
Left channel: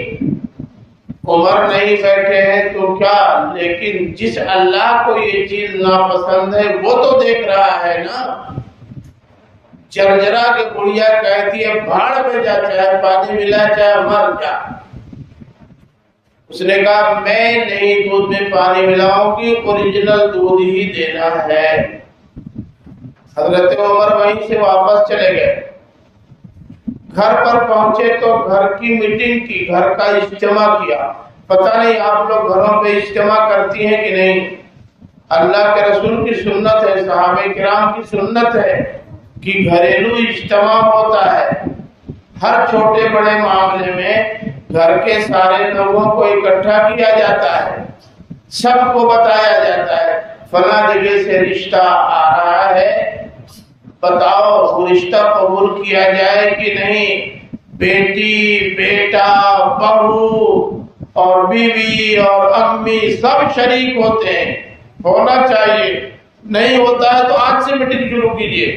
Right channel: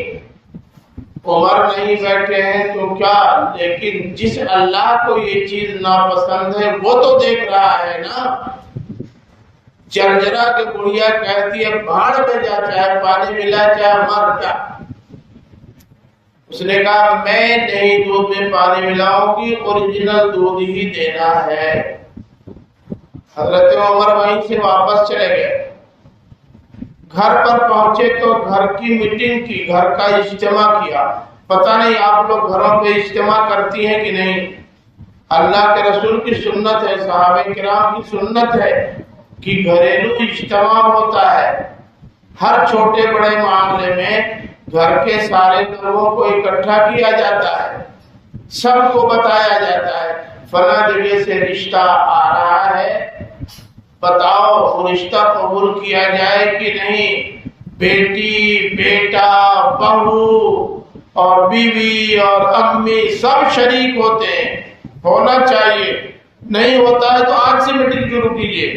عمر نہیں بیٹھے ہیں تو کیا، لیکن جس اللہ کو یہ چیز ناپسند ہے وہ تو دیکھ رہا ہے نا. جرجرا کے بڑھیا کہتی ہے بھاڑ پہ جا، چاہے پانی ملا چاہے مر جا. اس نے کہا میں نہیں دودھ میں پانی ملاؤں گی، اوریجنل دودھ ہی دینا ہے. حضرت عمر وہیں سے واپس چلے گئے. گھر پر پہنچے تو گھر کی میٹنگ کی، گھر کا اجتماع کیا. پتہ نہیں آپ لوگ گھروں پہ اجتماع کرتی ہیں کہ نہیں. اللہ کے رسول کی سنت ہے، صحابہ کرام کی سنت ہے کہ گھریلو اجتماع ہوتا ہے. ہر چھوٹے بڑے معاملے میں گھر کے سارے لوگوں کو اکٹھا کیا جاتا ہے، سب کو بتایا جاتا ہے فلاں جگہ سے رشتہ آ رہا ہے، بتاؤ رشتہ قبول کیا جائے کہ نہیں. بیٹی، بیٹا، بہو اور بیوی اور امی سب شریک ہوتے ہیں، ہونا چاہیے۔ نہیں ہوتا ہے تو آج سے میٹنگ شروع کیجیے،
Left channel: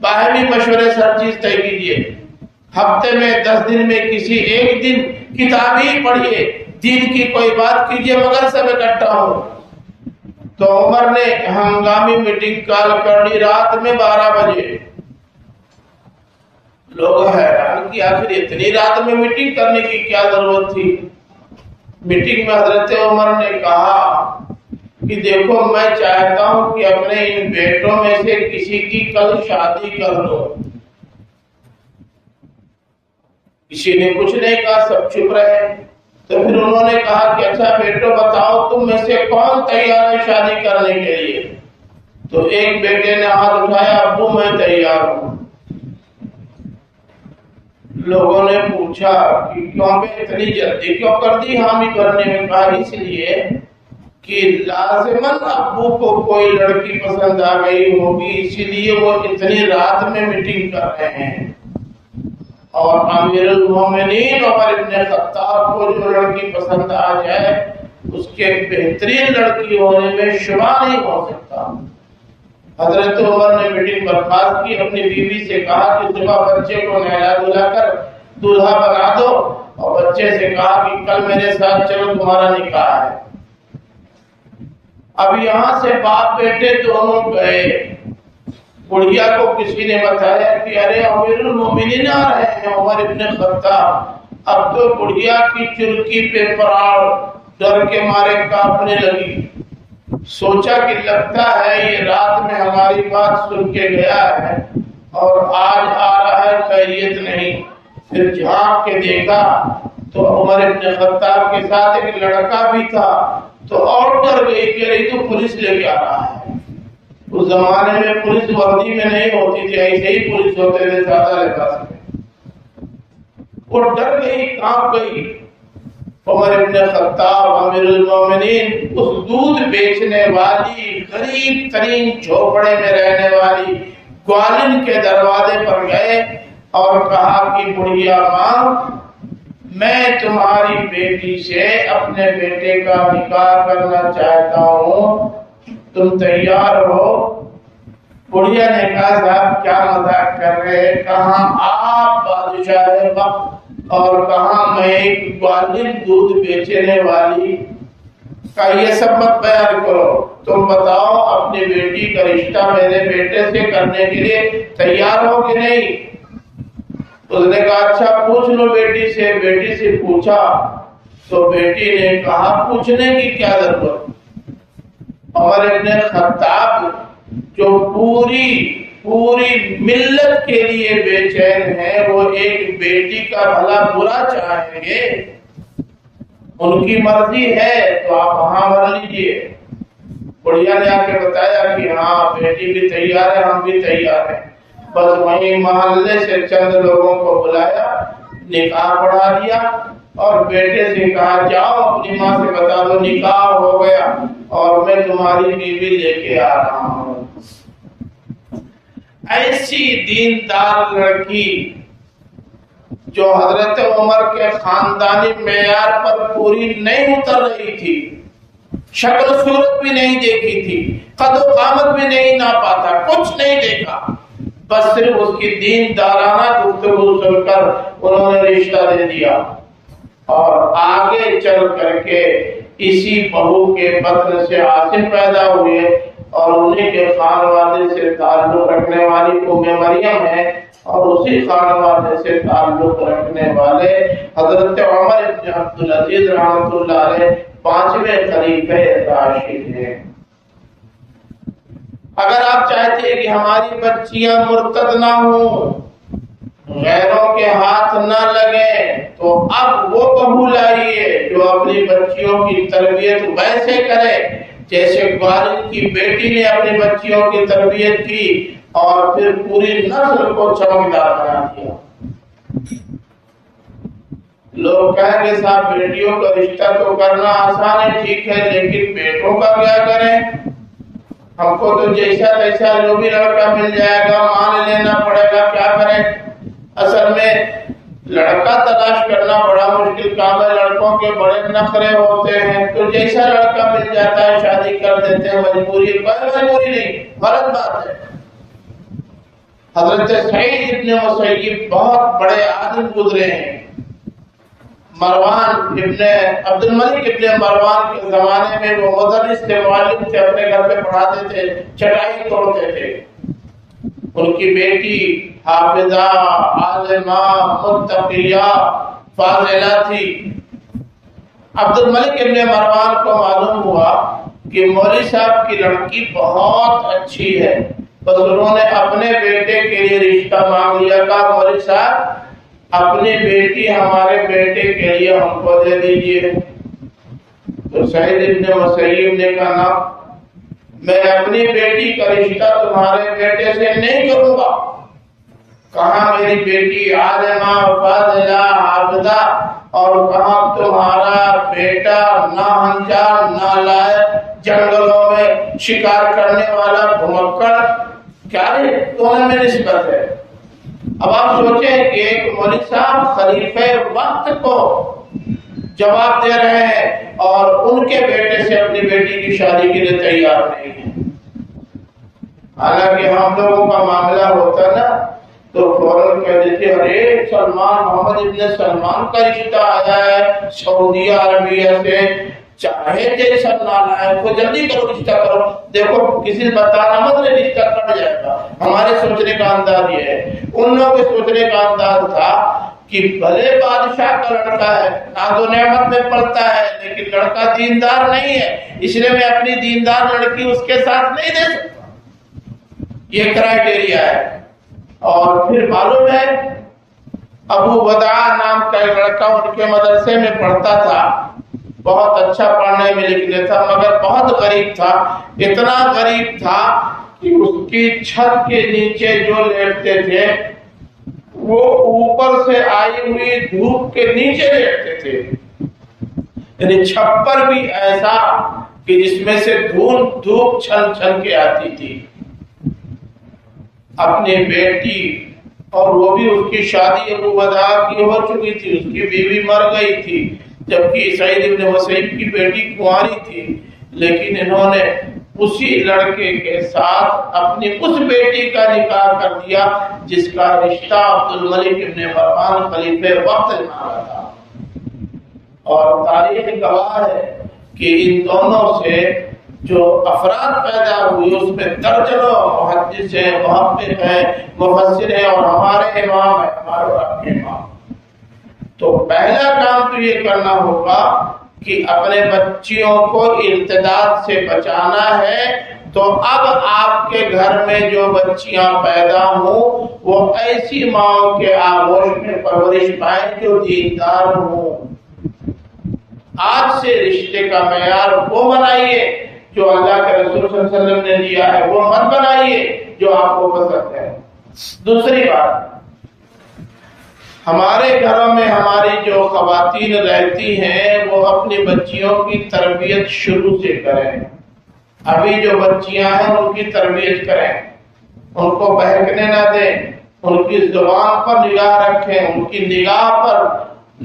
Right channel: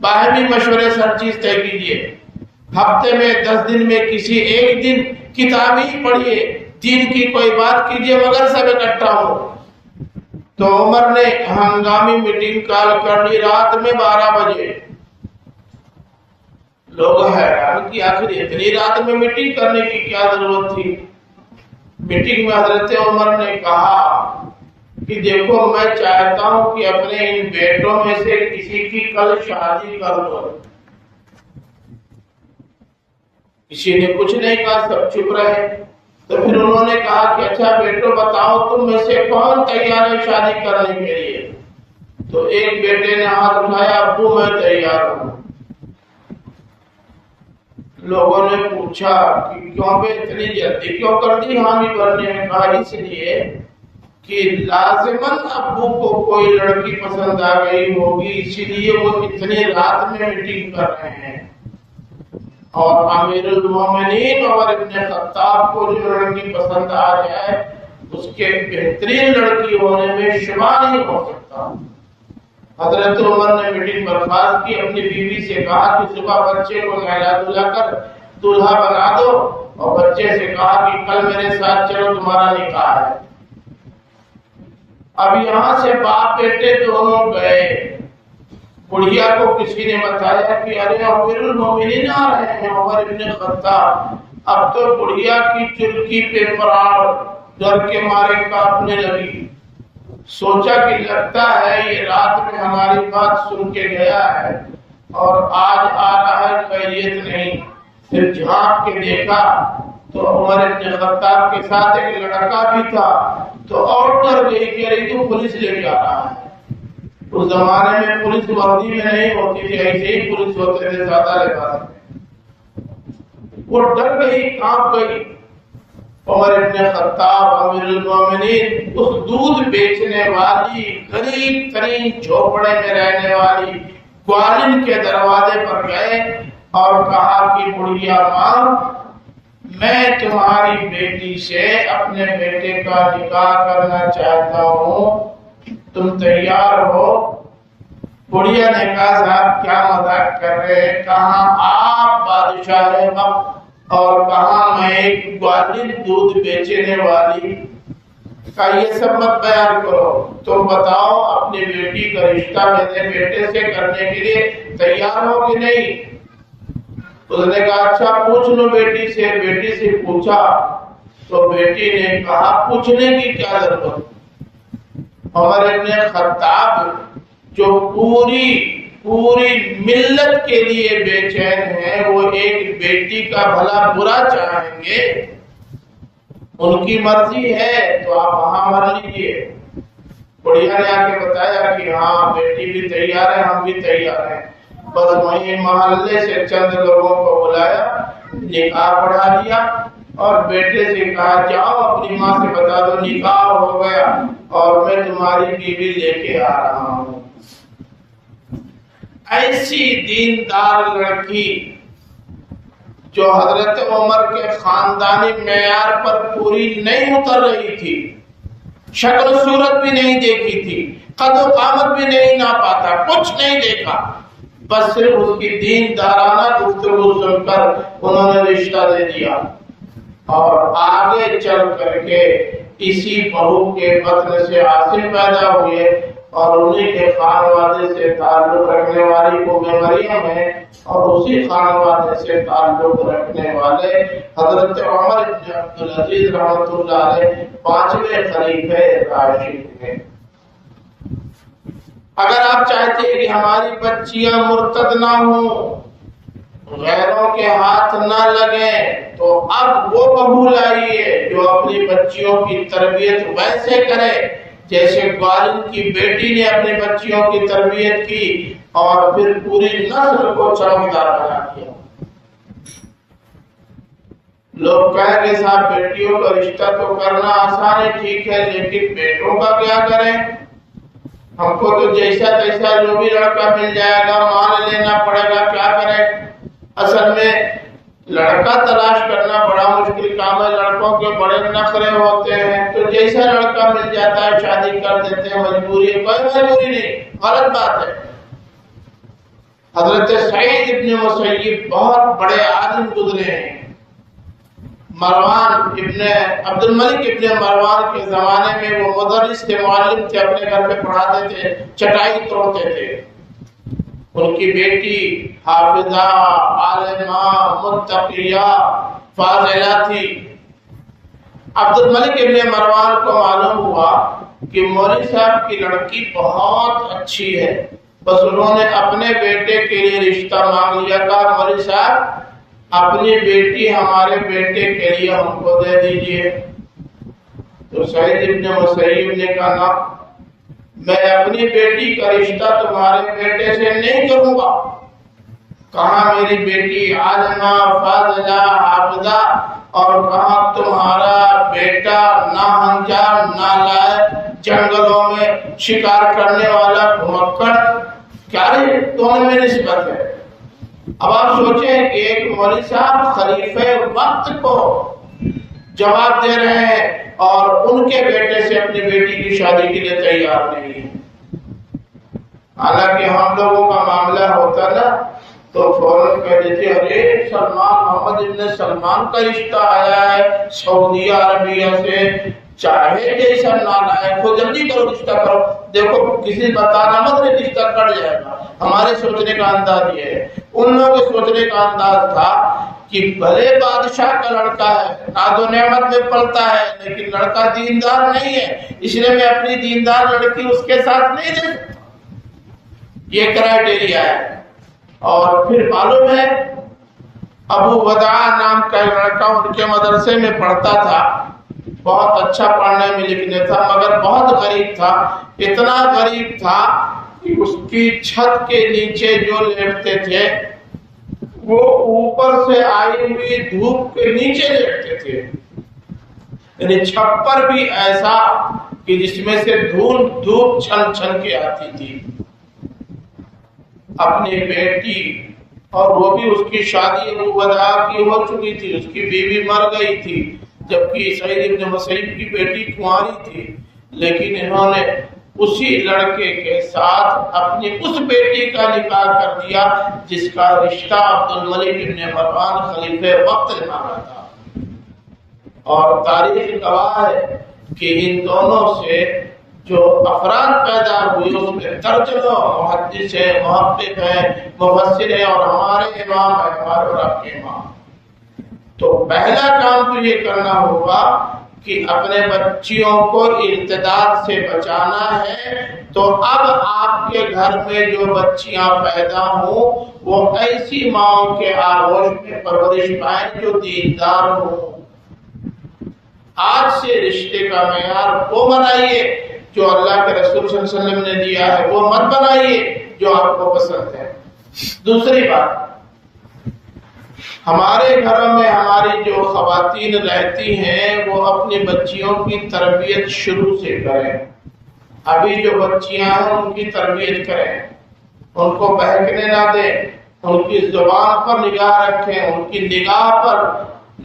باہمی مشورے سے ہر چیز طے کیجیے، ہفتے میں 10 دن میں کسی ایک دن کتاب ہی پڑھیے، دین کی کوئی بات کیجیے مگر سب اکٹھا ہو۔ تو عمر نے ہنگامی میٹنگ کال کر لی رات میں 12 بجے۔ لوگ حیران کہ آخر اتنی رات میں میٹنگ کرنے کی کیا ضرورت تھی؟ میٹنگ میں حضرت عمر نے کہا کہ دیکھو میں چاہتا ہوں کہ اپنے ان بیٹوں میں سے کسی کی کل شادی کر دو۔ کسی نے کچھ نہیں کہا، سب چپ رہے۔ تو پھر انہوں نے کہا کہ اچھا بیٹو بتاؤ تم میں سے کون تیار ہے شادی کرنے کے لیے؟ تو ایک بیٹے نے ہاتھ اٹھایا، ابو میں تیار ہوں۔ لوگوں نے پوچھا کہ کیوں بے اتنی جلدی کیوں کر دی حامی بھرنے میں؟ کہا اس لیے کہ لازماً ابو کو کوئی لڑکی پسند آ گئی ہوگی، اسی لیے وہ اتنی رات میں میٹنگ کر رہے ہیں۔ اور امیر المومنین عمر ابن خطاب کو جو لڑکی پسند آ جائے اس کے بہترین لڑکی ہونے میں شبہ نہیں ہو سکتا۔ حضرت عمر نے میٹنگ برخاست کی، اپنی بیوی سے کہا کہ صبح بچے کو نہلا دھلا کر دولہا بنا دو، اور بچے سے کہا کہ کل میرے ساتھ چلو تمہارا نکاح ہے۔ اب یہاں سے باپ بیٹے دونوں گئے۔ بڑھیا کو کسی نے بتایا کہ ارے امیر المومنین آ رہے ہیں عمر ابن خطاب۔ اب تو بڑھیا کی چلکی پہ پراڑ ڈر کے مارے کانپنے لگی۔ سوچا کہ لگتا ہے یہ رات میں ہماری بات سن کے گیا ہے اور آج آ رہا ہے، خیریت نہیں۔ پھر جھانک کے دیکھا تو عمر ابن خطاب کے ساتھ ایک لڑکا بھی تھا، تو اور ڈر گئی کہ ارے تو پولیس لے کے آ رہا ہے۔ اس زمانے میں پولیس وردی میں نہیں ہوتی تھی، ایسے ہی پولیس ہوتے تھے سادہ لباس میں۔ وہ ڈر گئی، کانپ گئی۔ عمر ابن خطاب امیر المومنین اس دودھ بیچنے والی غریب ترین جھوپڑے میں رہنے والی گوالن کے دروازے پر گئے اور کہا کہ بڑھیا ماں، میں تمہاری بیٹی سے اپنے بیٹے کا نکاح کرنا چاہتا ہوں، تم تیار ہو؟ بڑھیا نے کہا صاحب کیا مذاق کر رہے، کہاں آپ بادشاہ وقت اور کہاں میں ایک گوالن دودھ بیچنے والی کا، یہ سب مت بیان کرو، تم بتاؤ اپنی بیٹی کا رشتہ میرے بیٹے سے کرنے کے لیے تیار ہو کہ نہیں؟ اس نے کہا اچھا پوچھ لو بیٹی سے۔ بیٹی سے پوچھا تو بیٹی نے کہا پوچھنے کی کیا ضرورت؟ عمر ابن خطاب جو پوری ملت کے لیے بے چین ہیں، وہ ایک بیٹی کا بھلا برا چاہیں گے، ان کی مرضی ہے تو آپ وہاں بھر لیجیے۔ بڑھیا نے آ کے بتایا کہ ہاں بیٹی بھی تیار ہے، ہم بھی تیار ہیں۔ بس وہیں محلے سے چند لوگوں کو بلایا، نکاح پڑھا دیا اور بیٹے سے کہا جاؤ اپنی ماں سے بتا دو نکاح ہو گیا اور میں تمہاری بیوی لے کے آ رہا ہوں۔ ایسی دیندار لڑکی جو حضرت عمر کے خاندانی معیار پر پوری نہیں اتر رہی تھی، شکل و صورت بھی نہیں دیکھی تھی، قد و قامت بھی نہیں ناپا تھا، کچھ نہیں دیکھا، بس صرف اس کی دیندارانہ گفتگو سن کر انہوں نے رشتہ دے دیا اور آگے چل کر کے اسی بہو کے بطن سے عاصم پیدا ہوئے اور انہی کے خانوادے سے تعلق رکھنے والی ام مریم ہے اور اسی خانوادے سے تعلق رکھنے والے حضرت عمر بن عبدالعزیز رحمۃ اللہ علیہ 5ویں خلیفہ راشد ہیں۔ اگر آپ چاہتے ہیں کہ ہماری بچیاں مرتد نہ ہوں، غیروں کے ہاتھ نہ لگیں، تو اب وہ بہو لائیے جو اپنی بچیوں کی تربیت ویسے کرے جیسے گوالن کی بیٹی نے اپنی بچیوں کی تربیت کی اور پھر پوری نسل کو چمکدار بنا دیا۔ لوگ کہیں گے صاحب بیٹیوں کا رشتہ تو کرنا آسان ہے، ٹھیک ہے، لیکن بیٹوں کا کیا کریں؟ ہم کو تو جیسا تیسا جو بھی لڑکا مل جائے گا مان لینا پڑے گا، کیا کریں؟ اصل میں لڑکا تلاش کرنا بڑا مشکل کام ہے، لڑکوں کے بڑے نخرے ہوتے ہیں، تو جیسا لڑکا مل جاتا ہے شادی کر دیتے ہیں، مجبوری کوئی مجبوری نہیں، غلط بات ہے۔ حضرت سعید ابن مسیب بہت بڑے عالم گزرے ہیں، مروان ابن عبد الملک ابن مروان کے زمانے میں وہ مدرس تھے، معلم تھے، اپنے گھر پہ پڑھاتے تھے، چٹائی توڑتے تھے۔ ان کی بیٹی حافظہ، عالمہ، متقیہ، فاضلہ تھی۔ عبد الملک ابن مروان کو معلوم ہوا کہ مولوی صاحب کی لڑکی بہت اچھی ہے، بس انہوں نے اپنے بیٹے کے لیے رشتہ مانگ لیا، کہا مولوی صاحب اپنی بیٹی ہمارے بیٹے کے لیے ہم کو دے دیجیے۔ تو سعید ابن مسیب نے کہا میں اپنی بیٹی کا رشتہ تمہارے بیٹے سے نہیں کروں گا۔ کہاں میری بیٹی عالمہ، فاضلہ، حافظہ، اور کہاں تمہارا بیٹا ناہنجار، نالائق، جنگلوں میں شکار کرنے والا گھمکڑ، کیا دونوں میں نسبت ہے؟ اب آپ سوچیں کہ ایک مولوی صاحب خلیفہ وقت کو جواب دے رہے ہیں اور ان کے بیٹے سے اپنی بیٹی کی شادی کے لیے تیار نہیں ہے۔ حالانکہ ہم لوگوں کا معاملہ ہوتا نا تو فوراً کہہ دیتے ارے سلمان، محمد ابن سلمان کا رشتہ آیا ہے سعودی عربیہ سے، چاہے جیسا نالائق ہو جلدی کرو رشتہ کرو، دیکھو کسی بتانا مت نہیں رشتہ کٹ جائے گا۔ ہمارے سوچنے کا انداز یہ ہے، ان لوگوں کے سوچنے کا انداز تھا کہ بھلے بادشاہ کا لڑکا ہے، ناز و نعمت میں پلتا ہے، لیکن لڑکا دیندار نہیں ہے، اس لیے میں اپنی دیندار لڑکی اس کے ساتھ نہیں دے سکتا، یہ کرائیٹیریا ہے۔ اور پھر معلوم ہے ابو وداع نام کا ایک لڑکا ان کے مدرسے میں پڑھتا تھا، بہت اچھا پڑھنے میں لکھنے تھا، مگر بہت غریب تھا، اتنا غریب تھا کہ اس کی چھت کے نیچے جو لیٹتے تھے وہ اوپر سے آئی ہوئی دھوپ کے نیچے لیٹتے تھے، یعنی چھپر بھی ایسا کہ جس میں سے دھوپ چھن چھن کے آتی تھی۔ اپنی بیٹی، اور وہ بھی اس کی شادی ابو وداع کی ہو چکی تھی، اس کی بیوی مر گئی تھی، جبکہ سعید ابن مسیب کی بیٹی کنواری تھی، لیکن انہوں نے اسی لڑکے کے ساتھ اپنی اس بیٹی کا نکاح کر دیا جس کا رشتہ عبد الملک ابن مروان خلیفہ وقت نے مانگا تھا۔ اور تاریخ گواہ ہے کہ ان دونوں سے جو افراد پیدا ہوئی اس میں درجنوں محدث ہیں، محقق ہیں، مفسر ہیں، اور ہمارے امام ہیں، ہمارے اور آپ کے امام۔ تو پہلا کام تو یہ کرنا ہوگا کہ اپنے بچیوں کو ارتداد سے بچانا ہے، تو اب آپ کے گھر میں جو بچیاں پیدا ہوں وہ ایسی ماؤں کے آغوش میں پرورش پائیں جو دیندار ہوں۔ آج سے رشتے کا معیار وہ بنائیے جو اللہ کے رسول صلی اللہ علیہ وسلم نے دیا ہے، وہ مت بنائیے جو آپ کو پسند ہے۔ دوسری بات، ہمارے گھروں میں ہماری جو خواتین رہتی ہیں وہ اپنی بچیوں کی تربیت شروع سے کریں۔ ابھی جو بچیاں ہیں ان کی تربیت کریں، ان کو بہکنے نہ دیں، ان کی زبان پر نگاہ رکھیں، ان کی نگاہ پر،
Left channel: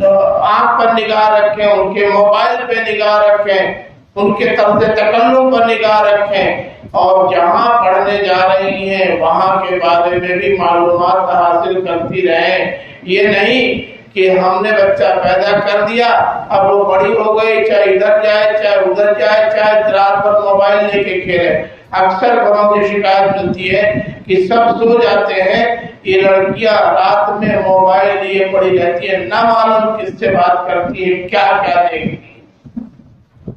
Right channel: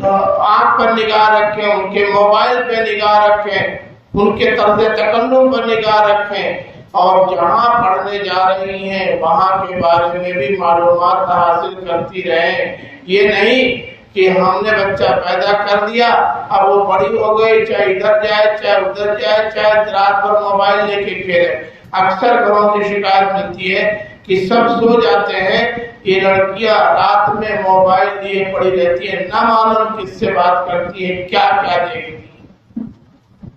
آنکھ پر نگاہ رکھیں، ان کے موبائل پہ نگاہ رکھیں، ان کے طرز تکلم پر نگاہ رکھیں، اور جہاں پڑھنے جا رہی ہیں وہاں کے بارے میں بھی معلومات حاصل کرتی رہیں۔ یہ نہیں کہ ہم نے بچہ پیدا کر دیا، اب وہ بڑی ہو گئی، چاہے ادھر جائے چاہے ادھر جائے، چاہے رات بھر موبائل لے کے کھیلے۔ اکثر گھروں سے شکایت ملتی ہے کہ سب سو جاتے ہیں، یہ لڑکیاں رات میں موبائل لیے پڑی رہتی ہیں، نہ معلوم کس سے بات کرتی ہے، کیا کیا دیکھتی۔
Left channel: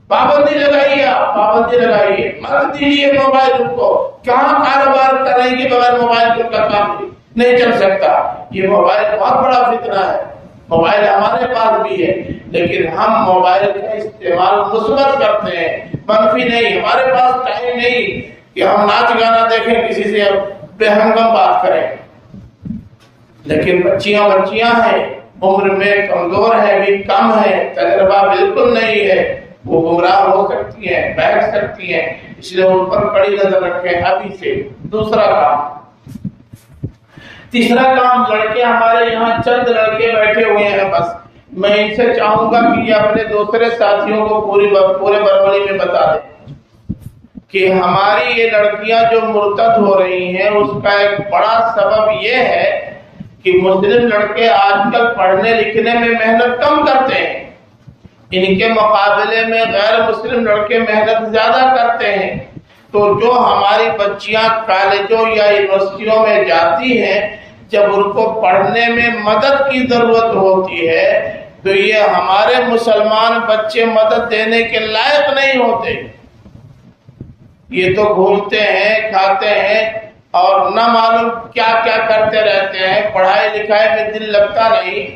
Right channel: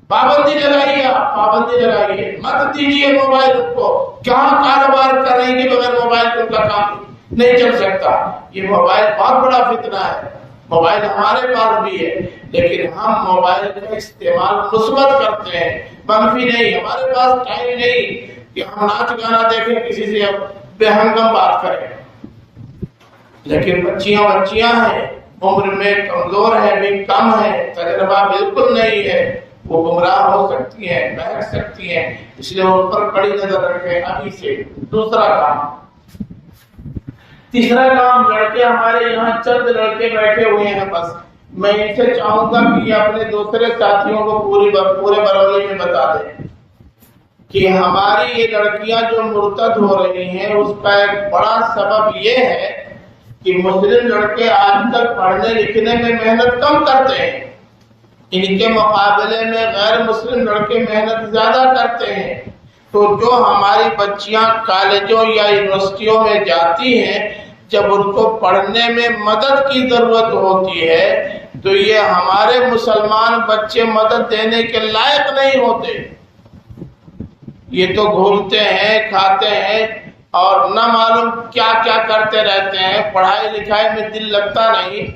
پابندی لگائیے، آپ پابندی لگائیے، مت دیجیے موبائل کو۔ کہاں کاروبار کریں گے بغیر موبائل کو؟ کا کام نہیں چل سکتا۔ یہ موبائل بہت بڑا فتنہ ہے، موبائل ہمارے پاس بھی ہے، لیکن ہم موبائل کا استعمال مثبت کرتے ہیں، منفی نہیں۔ ہمارے پاس ٹائم نہیں کہ ہم ناچ گانا دیکھیں، کسی سے بے ہنگم بات کریں، لیکن بچیاں ہیں، عمر میں کمزور ہیں، بھی کم ہے، تجربہ بالکل نہیں ہے، وہ گمراہ ہو سکتی ہیں، بیٹھ سکتی ہیں، اس لیے ان پر کڑی نظر رکھیں ابھی سے۔ دوسرا کام، تیسرا کام، لڑکے ہمارے یہاں چند لڑکے بیٹھے ہوئے ہیں، بس میں ان سے چاہوں گا کہ یہ اپنے دوسرے ساتھیوں کو پورے برونی میں بتا دیں کہ ہماری یہ لڑکیاں جو مرتد ہو رہی ہیں اس کا ایک بڑا سبب یہ ہے کہ مسلم لڑکے آج کل پڑھنے لکھنے میں محنت کم کرتے ہیں، ان کے مقابلے میں غیر مسلم لڑکے محنت زیادہ کرتے ہیں۔ تو جو ہماری بچیاں کالجوں یا یونیورسٹیوں میں جاتی ہیں، جب ان کو پڑھنے میں مدد کی ضرورت ہوتی ہے تو یہ ہمارے مسلمان بچے مدد دینے کے لائق نہیں ہوتے۔ یہ تو گھومتے ہیں، کھاتے ہیں اور نہ معلوم کیا کیا کرتے رہتے ہیں، پڑھائی لکھائی میں دل لگتا نہیں۔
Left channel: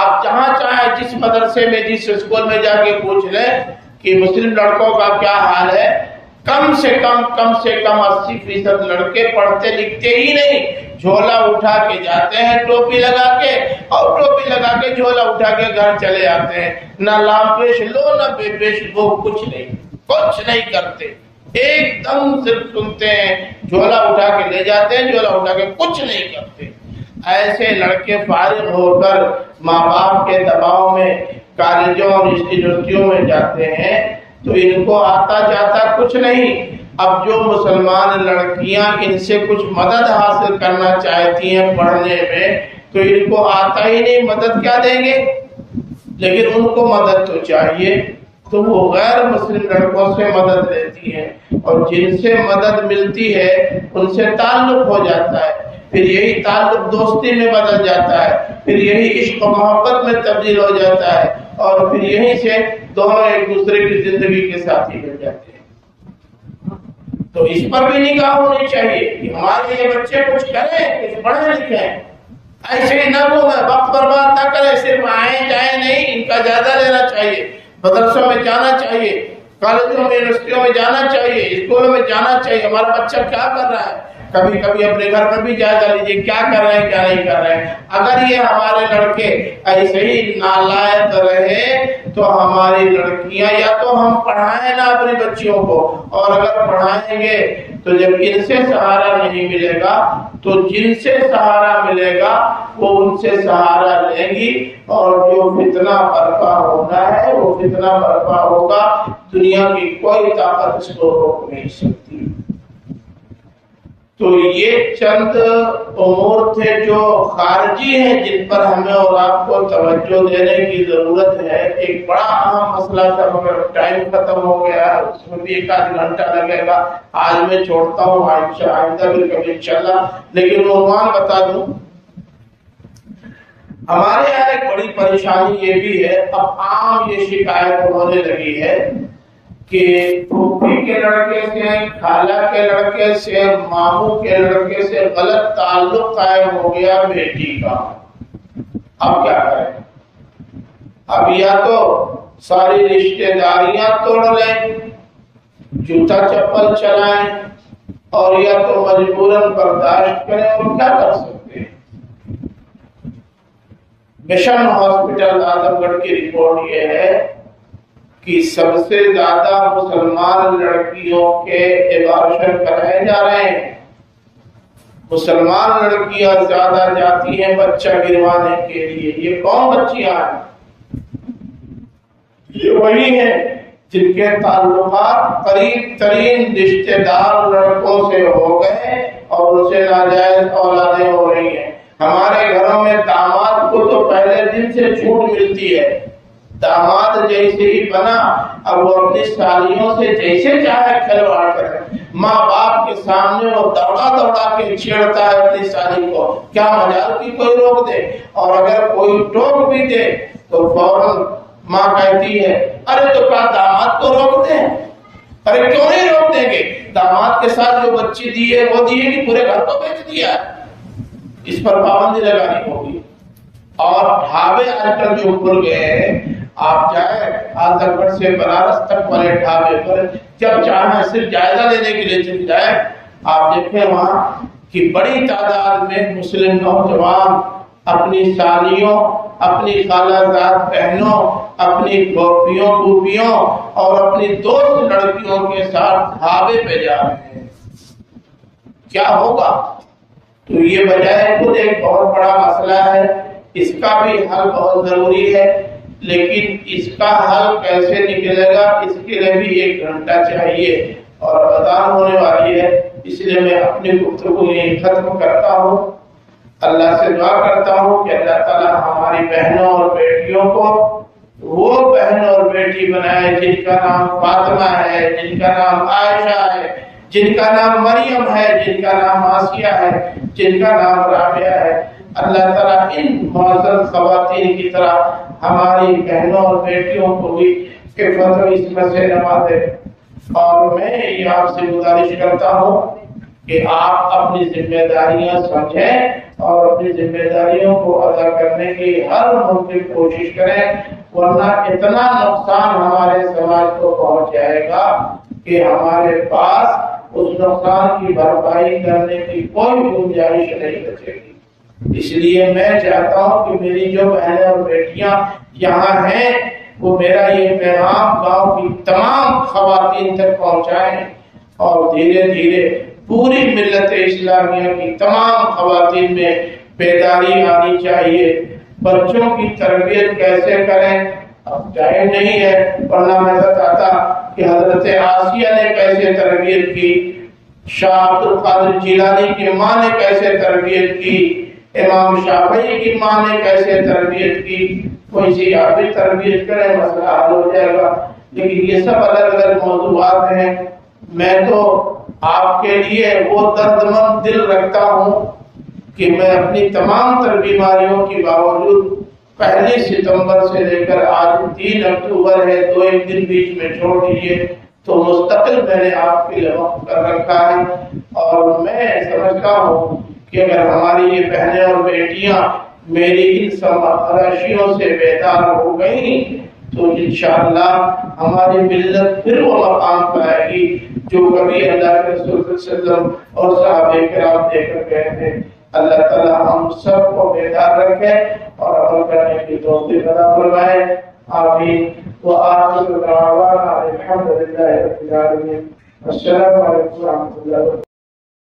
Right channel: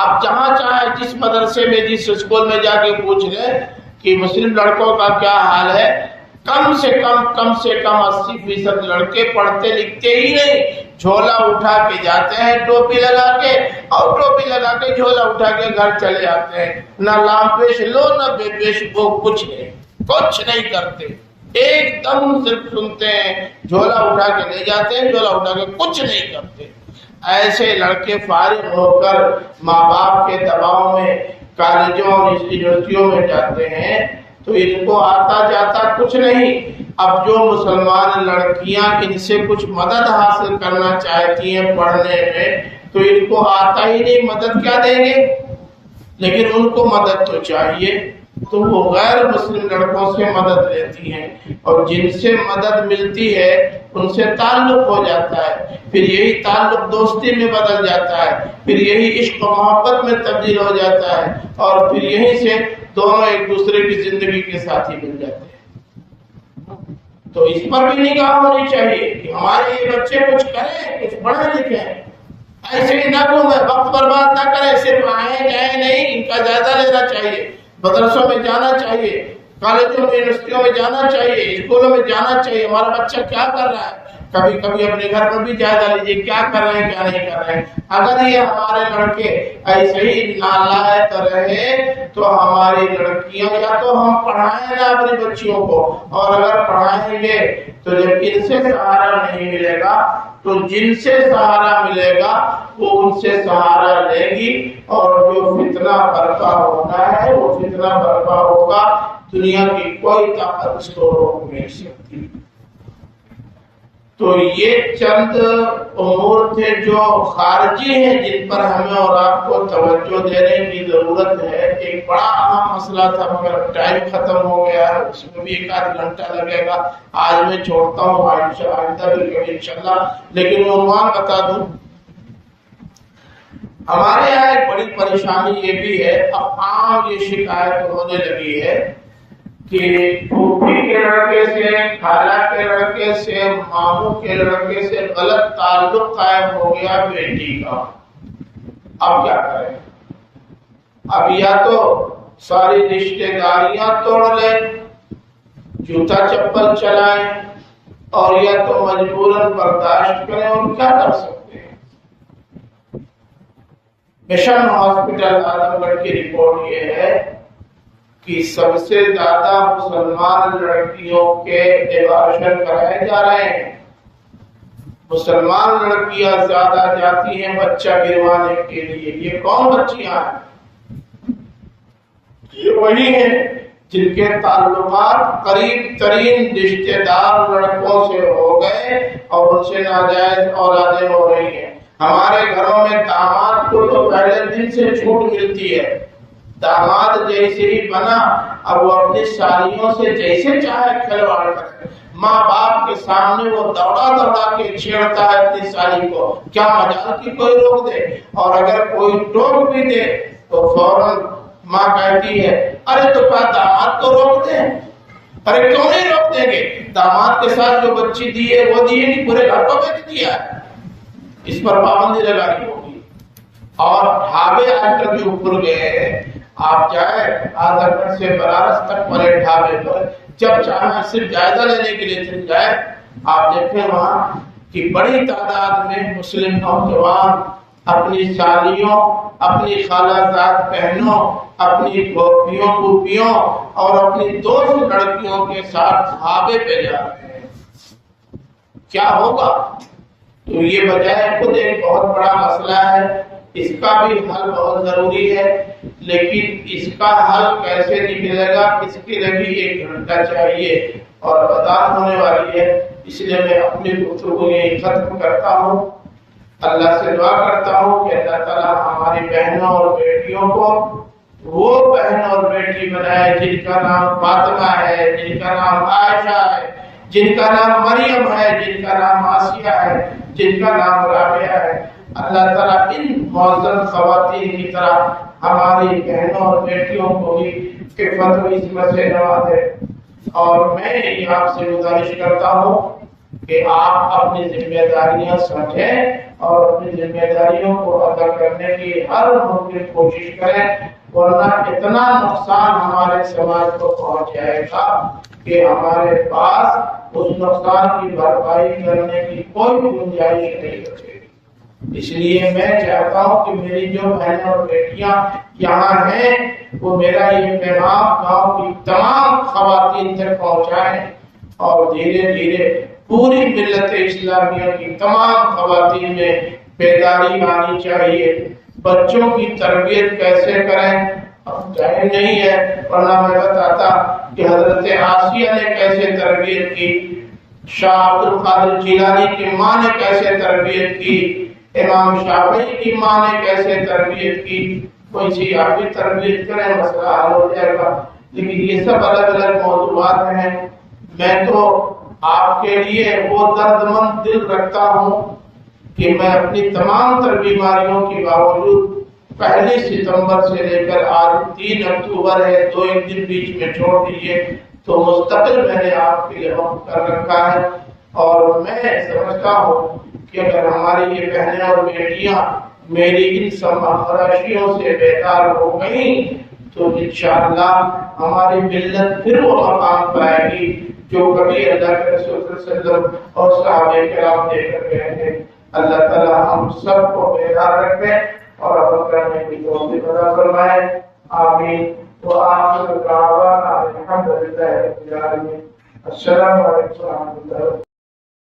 آپ جہاں چاہیں جس مدرسے میں جس اسکول میں جا کے پوچھ لیں کہ مسلم لڑکوں کا کیا حال ہے، کم سے کم 80% لڑکے پڑھتے لکھتے ہی نہیں، جھولا اٹھا کے جاتے ہیں ٹوپی لگا کے، اور ٹوپی لگا کے جھولا اٹھا کے گھر چلے جاتے ہیں، نہ لام پیش لو نہ بے پیش وہ، کچھ نہیں کرتے، ایک دم صرف سنتے ہیں، جھولا اٹھا کے لے جاتے ہیں، جھولا اٹھا کے کچھ نہیں کرتے۔ ایسے لڑکے فارغ ہو کر ماں باپ کے دباؤ میں کالجوں اور یونیورسٹیوں میں جاتے ہیں تو ان کو آتا جاتا کچھ نہیں۔ اب جو مسلمان لڑکیاں ان سے کچھ مدد حاصل کرنا چاہتی ہیں پڑھنے میں تو ان کو آتا ہی نہیں، مدد کیا دیں گے؟ لیکن ان کو مدد تو چاہیے، تو وہ غیر مسلم لڑکوں سے مدد لیتی ہیں، اور جن سے مدد ملتی ہے ان سے تعلق ہو جاتا ہے، پھر یہی تعلق دوستی میں بدل جاتا ہے، پھر یہی عشق و محبت میں تبدیل ہو جاتا ہے، اور پھر یہیں سے دونوں ایک دوسرے کی زندگی کے ساتھی بن جاتے ہیں۔ تو اس پر بھی نگاہ ہونی چاہیے کہ ہمارے یہ بچے کچھ کریں، کچھ پڑھیں لکھیں، ایسے ہی نہ گھومیں، وقت برباد نہ کریں، صرف آئیں جائیں نہیں، ان کا جائزہ لینا چاہیے، مدرسوں میں جانا چاہیے، کالجوں میں یونیورسٹیوں میں جانا چاہیے، اسکولوں میں جانا چاہیے، ہمارا بچہ کیا کر رہا ہے، کبھی کبھی اپنے گھر پر بھی جائزہ لیجیے کیا کر رہے ہیں کیا نہیں کر رہے ہیں۔ اگر یہ ہمارے لڑکے ایسے ہی نالائق رہے تو ہماری لڑکیاں یا تو ہم پڑھائیں نہ اپنی بچیوں کو، اور اگر پڑھائیں گے تو جب ان سے سہارا نہیں ملے گا تو جن سے سہارا ملے گا وہ ان سے سہارا لیں گی، اور جو فتنہ برپا ہونا ہے وہ فتنہ برپا ہوگا، دنیا کی کوئی طاقت اس کو روک نہیں سکتی۔ تو یہ چند امور تھے جو خارجی ہیں جن پر ہمیں اور آپ کو توجہ دینے کی ضرورت ہے۔ ایک بڑا اہم مسئلہ تھا مگر ٹائم ختم ہو گیا ہے، اس میں بھی ایک آدھ گھنٹہ لگے گا، آج میں چھوڑتا ہوں، آئندہ بھی کبھی انشاءاللہ، لیکن عنوان بتا دوں۔ ہمارے یہاں ایک بڑی پریشانی یہ بھی ہے، اب عام یہ شکایت ہونے لگی ہے کہ پھوپھی کے لڑکے سے، خالہ کے لڑکے سے، ماموں کے لڑکے سے غلط تعلق قائم ہو گیا بیٹی کا، اب کیا کریں؟ اب یا تو ساری رشتہ داریاں توڑ لیں، جوتا چپل چلائیں، اور یا تو مجبوراً برداشت کریں، اور کیا کر سکتے ہیں۔ مشن ہاسپٹل اعظم گڑھ کی رپورٹ یہ ہے کہ سب سے زیادہ مسلمان لڑکیوں کے ایبارشن کرائے جا رہے ہیں، مسلمان لڑکیاں زیادہ جاتی ہیں بچہ گروانے کے لیے۔ یہ کون بچیاں ہیں؟ یہ وہی ہیں جن کے تعلقات قریب ترین رشتہ دار لڑکوں سے ہو گئے اور ان سے ناجائز اولادیں ہو رہی ہیں۔ ہمارے گھروں میں داماد کو تو پہلے دن سے چھوٹ ملتی ہے، داماد جیسے ہی بنا اب وہ اپنی سالیوں سے جیسے چاہے کھلواڑ کرے، ماں باپ کے سامنے وہ دوڑا کے چھیڑتا ہے اپنی سالی کو، کیا مجال کی کوئی روک دے، اور اگر کوئی ٹوک بھی دے تو فوراً ماں کہتی ہے ارے تو کیا داماد کو روک دیں؟ ارے کیوں نہیں روک دیں گے؟ داماد کے ساتھ جو بچی دی ہے وہ دی ہے کہ پورے گھر کو بیچ دیا ہے، اس پر پابندی لگانی ہوگی۔ اور ڈھابے آج کل جو کھل گئے ہیں، آپ جائیں اعظم گڑھ سے بنارس تک والے ڈھابے پر جب چاہیں صرف جائزہ لینے کے لیے چل جائیں، آپ دیکھیں وہاں کی بڑی تعداد میں مسلم نوجوان اپنی سالیوں، اپنی خالہ زاد بہنوں، اپنی پھوپھیوں پھوپھیوں اور اپنی دوست لڑکیوں کے ساتھ ڈھابے پہ جا رہے ہیں۔ کیا ہوگا؟ تو یہ بجائے خود ایک بہت بڑا مسئلہ ہے، اس کا بھی حل بہت ضروری ہے، لیکن اس کا حل کیسے نکلے گا اس کے لیے بھی 1 گھنٹہ چاہیے اور اذان ہونے والی ہے، اس لیے میں اپنی گفتگو یہیں ختم کرتا ہوں۔ اللہ سے دعا کرتا ہوں کہ اللہ تعالیٰ ہماری بہنوں اور بیٹیوں کو وہ بہن اور بیٹی بنائے جن کا نام فاطمہ ہے، جن کا نام عائشہ ہے، جن کا نام مریم ہے، جن کا نام آسیہ ہے، جن کا نام رابعہ ہے۔ اللہ تعالیٰ ان معزز خواتین کی طرح ہماری بہنوں اور بیٹیوں کو بھی عفت و عصمت سے نوازے۔ اور میں یہ آپ سے گزارش کرتا ہوں کہ آپ اپنی ذمہ داریاں سمجھیں اور اپنی ذمہ داریوں کو ادا کرنے کی ہر ممکن کوشش کریں، ورنہ اتنا نقصان ہمارے سماج کو پہنچ جائے گا کہ ہمارے پاس اس نقصان کی بھرپائی کرنے کی کوئی گنجائش نہیں بچے گی۔ اس لیے میں چاہتا ہوں کہ میری جو بہنیں اور بیٹیاں یہاں ہیں وہ میرا یہ پیغام گاؤں کی تمام خواتین تک پہنچائیں اور دھیرے دھیرے پوری ملت اسلامیہ کی تمام خواتین میں بیداری آنی چاہیے۔ بچوں کی تربیت کیسے کریں اب ٹائم نہیں ہے، ورنہ میں بتاتا کہ حضرت آسیہ نے کیسے تربیت کی، شاہ عبد القادر جیلانی کی ماں نے کیسے تربیت کی، امام شافعی کی ماں نے کیسے تربیت کی۔ کوئی سی آپ بھی تربیت کریں، مسئلہ حل ہو جائے گا۔ لیکن یہ سب الگ الگ موضوعات ہیں۔ میں تو آپ کے لیے وہ درد مند دل رکھتا ہوں کہ میں اپنی تمام تر بیماریوں کی باوجود 1 ستمبر سے لے کر آج 3 اکتوبر ہے، 2 دن بیچ میں چھوڑ دیجیے، تو مستقل میں نے آپ کے لیے وقت کر رکھا ہے۔ اور میں سمجھتا ہوں کہ اگر ہماری یہ بہنیں اور بیٹیاں میری ان سب خراشیوں سے بیدار ہو گئیں تو انشاءاللہ ہماری ملت پھر وہ مقام پائے گی جو کبھی اللہ کے رسول صلی اللہ علیہ وسلم اور صحابہ کرام دے کر گئے تھے۔ اللہ تعالیٰ ہم سب کو بیدار رکھے اور عمل کرنے کی توفیق عطا فرمائے، آمین۔ وآخر دعوانا الحمد للہ رب العالمین۔ السلام علیکم ورحمۃ اللہ۔